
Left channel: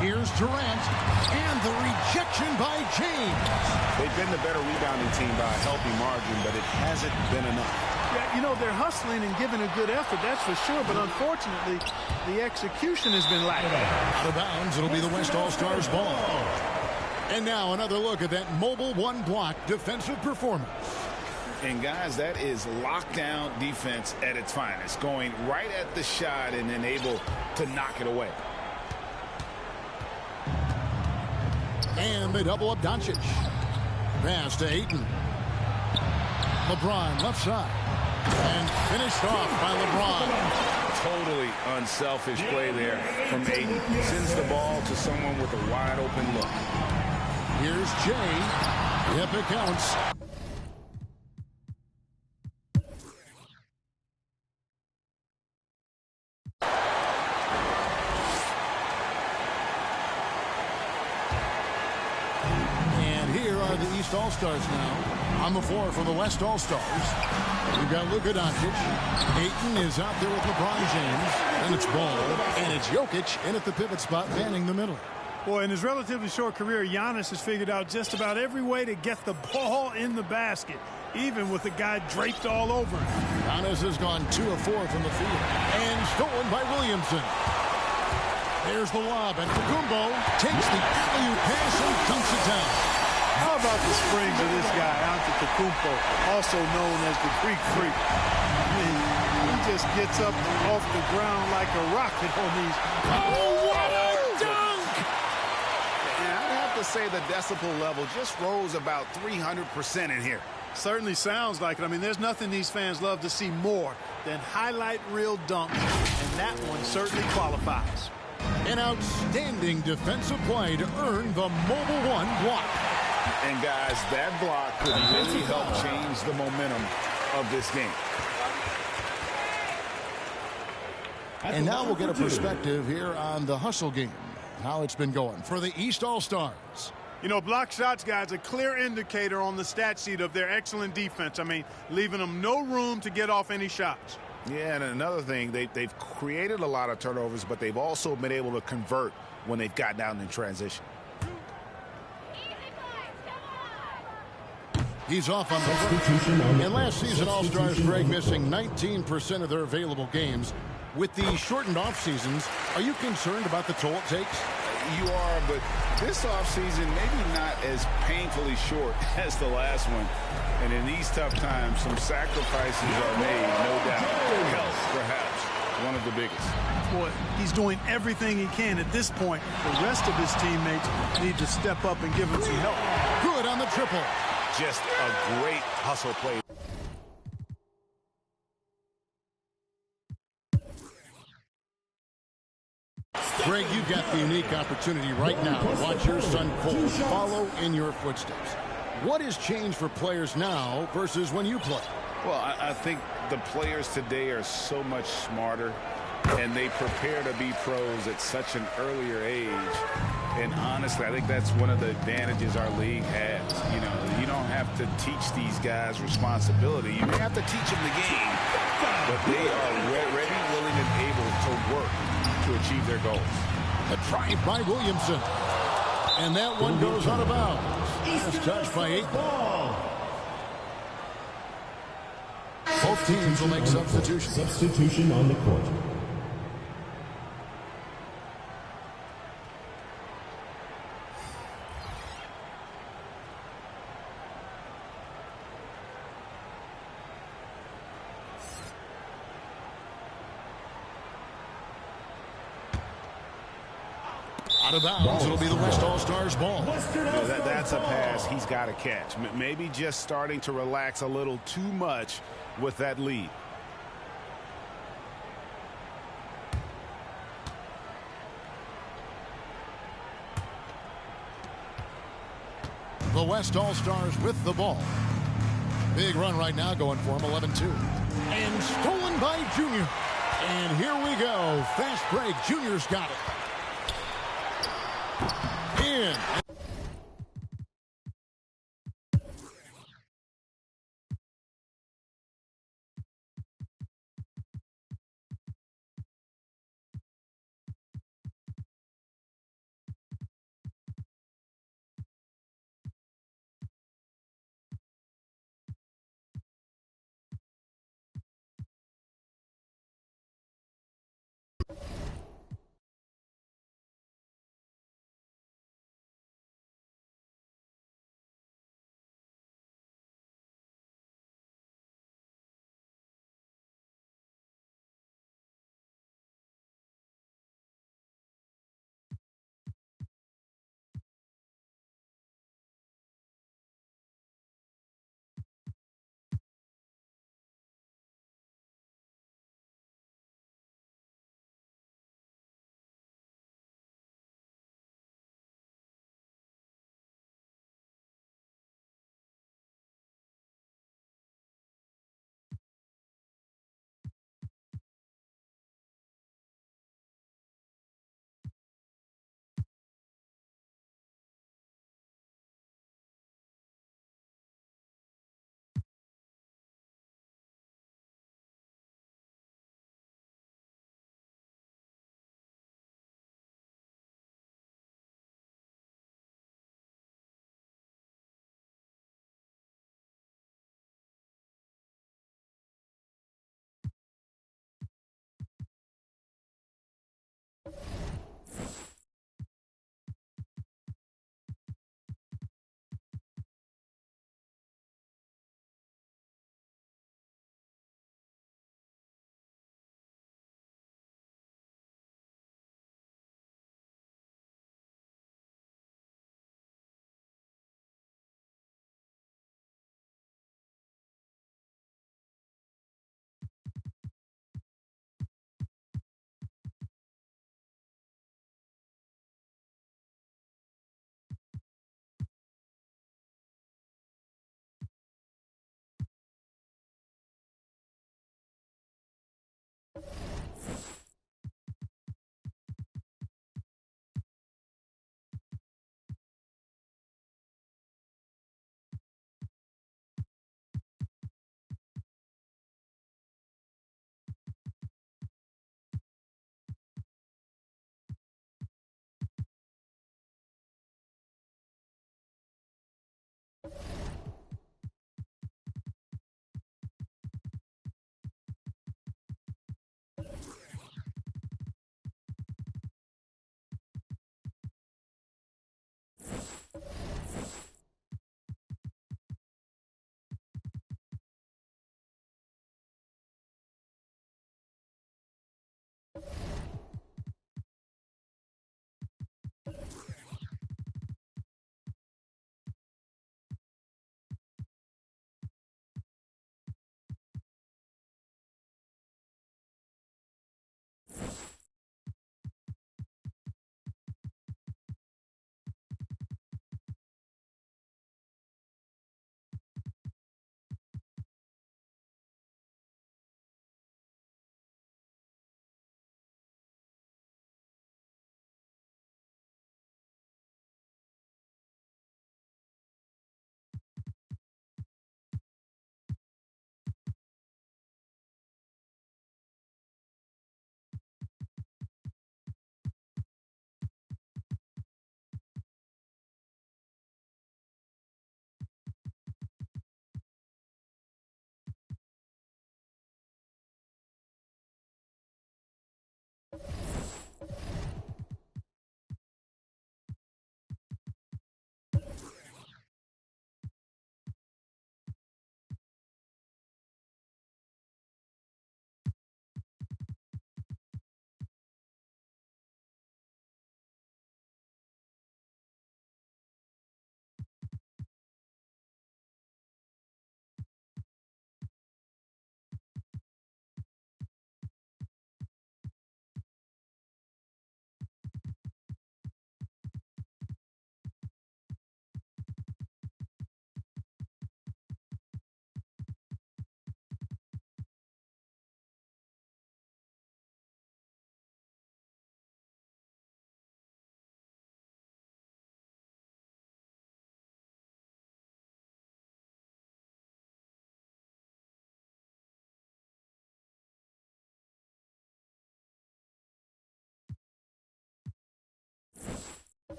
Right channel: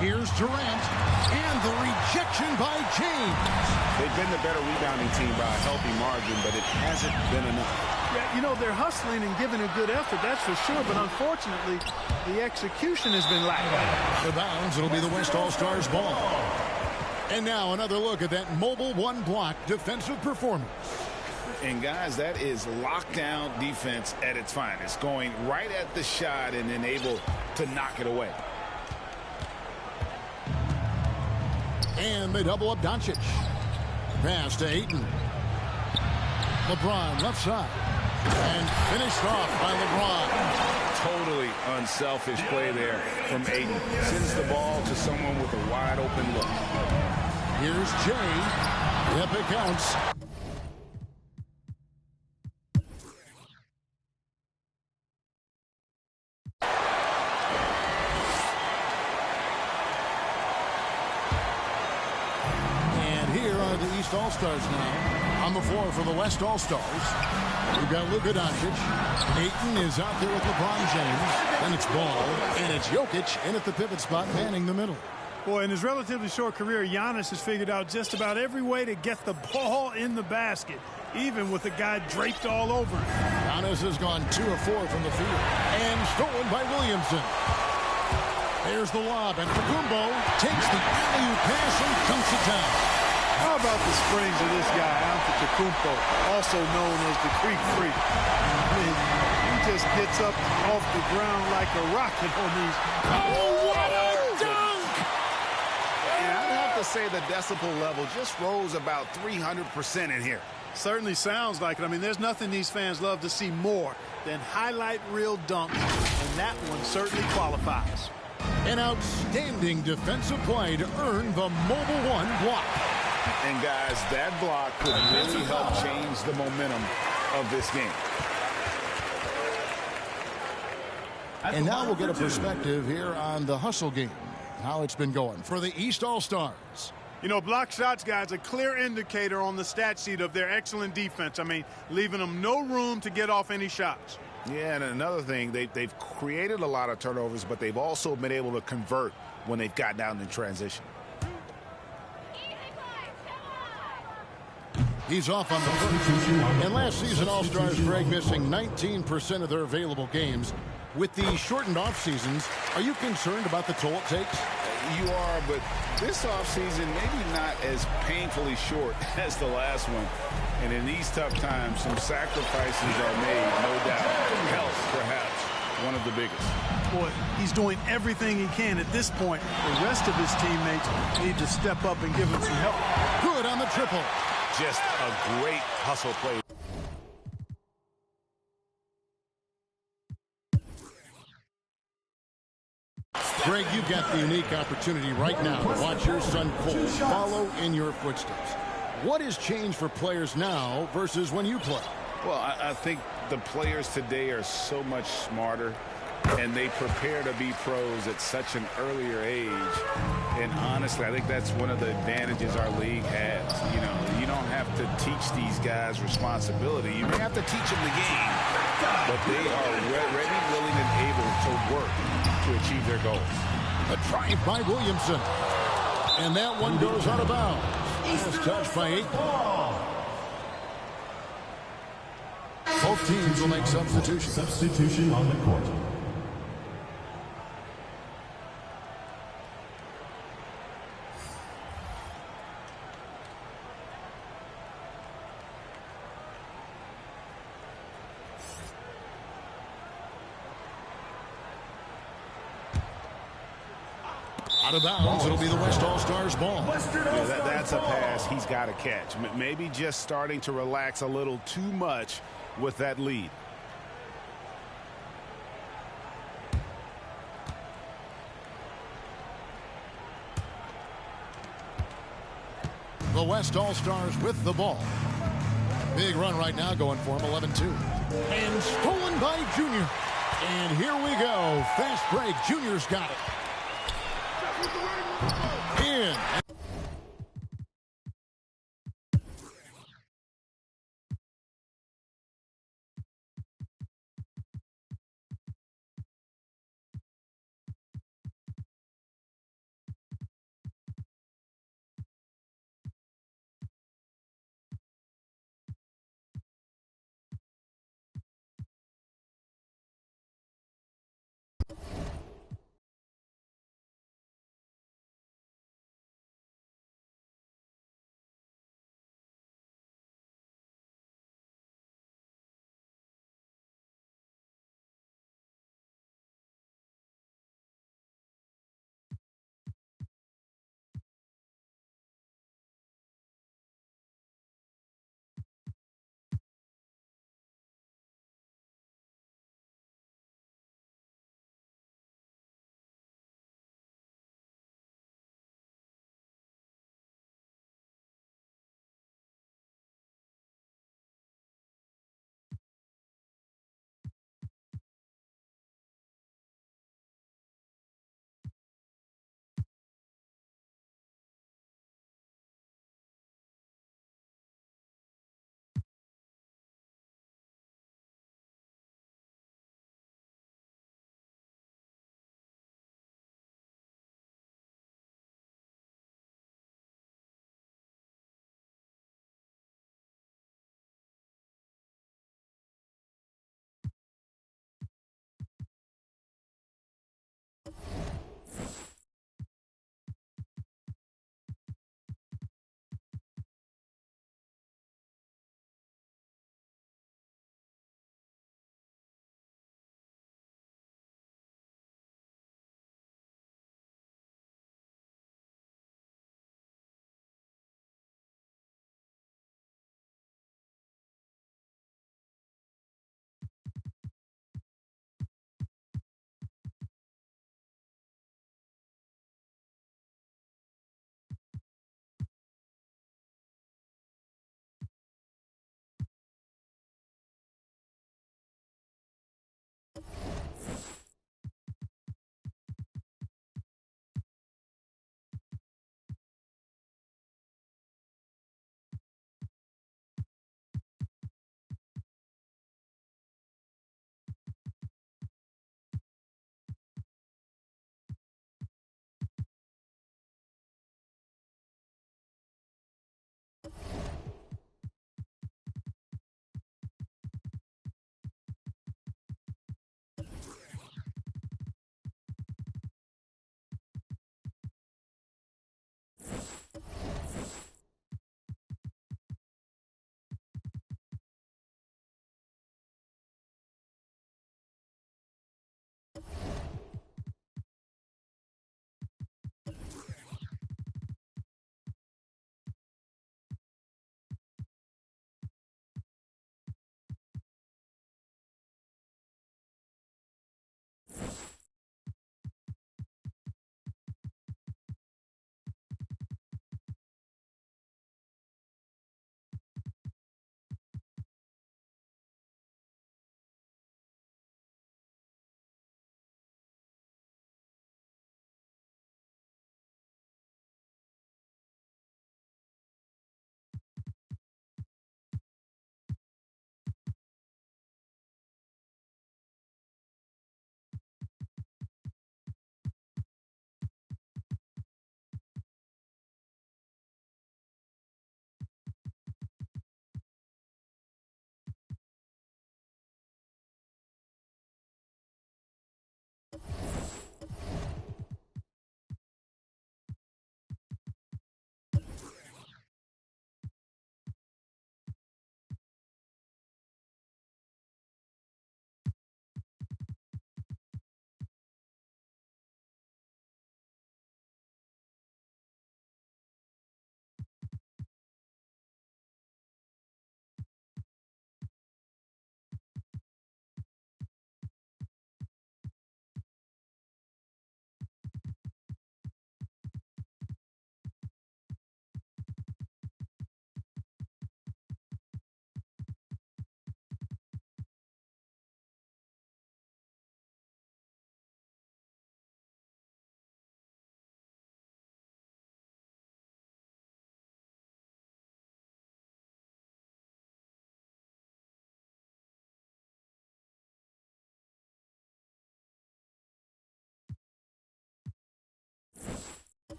Here's Durant, and the rejection by James. They've been the better rebounding team by a healthy margin, but it hasn't been enough. Yeah, you know, they're hustling and giving a good effort, that's for sure, but unfortunately, the execution has been lacking. Out of bounds, it'll be the West All-Stars ball. And now another look at that mobile one-block defensive performance. And, guys, that is lockdown defense at its finest, going right at the shot and then able to knock it away. And they double up Doncic. Pass to Ayton. LeBron left side. And finished off by LeBron. Totally unselfish play there from Ayton. Sends the ball to someone with a wide open look. Here's Jay. Yep, it counts. The East All-Stars now on the floor for the West All-Stars. We've got Luka Doncic. Ayton is out there with LeBron James. Then it's Ball, and it's Jokic in at the pivot spot, manning the middle. Boy, in his relatively short career, Giannis has figured out just about every way to get the ball in the basket, even with the guy draped all over him. Giannis has gone 2 of 4 from the field, and stolen by Williamson. There's the lob, and Antetokounmpo takes the alley-oop pass and dunks it down. How about the springs of this guy, Antetokounmpo, also known as the Greek Freak? I mean, he just gets up off the ground like a rocket on these. Oh, what a dunk! And I'd have to say the decibel level just rose about 300% in here. Certainly sounds like it. I mean, there's nothing these fans love to see more than highlight reel dunks, and that one certainly qualifies. An outstanding defensive play to earn the Mobile One block. And guys, that block could really help change the momentum of this game. And now we'll get a perspective here on the hustle game, how it's been going for the East All-Stars. You know, block shots, guys, a clear indicator on the stat sheet of their excellent defense. I mean, leaving them no room to get off any shots. Yeah, and another thing, they've created a lot of turnovers, but they've also been able to convert when they've gotten down in transition. He's off on the first. And last season, All-Stars, Greg, missing 19% of their available games. With the shortened off seasons, are you concerned about the toll it takes? You are, but this offseason maybe not as painfully short as the last one. And in these tough times, some sacrifices are made, no doubt. Health, perhaps, one of the biggest. Boy, he's doing everything he can at this point. The rest of his teammates need to step up and give him some help. Good on the triple. Just a great hustle play. Greg, you've got the unique opportunity right now to watch your son Cole follow in your footsteps. What has changed for players now versus when you played? Well, I think the players today are so much smarter, and they prepare to be pros at such an earlier age. And honestly, I think that's one of the advantages our league has. You know, you don't have to teach these guys responsibility. You may have to teach them the game, but they are ready, willing, and able to work to achieve their goals. A drive by Williamson. And that one goes out of bounds. Last touch by Ayton. Both teams will make substitutions. Substitution on the court. Out of bounds, it'll be the West All-Stars ball. Yeah, that's a pass he's got to catch. Maybe just starting to relax a little too much with that lead. The West All-Stars with the ball. Big run right now going for him, 11-2. And stolen by Junior. And here we go. Fast break. Junior's got it. In.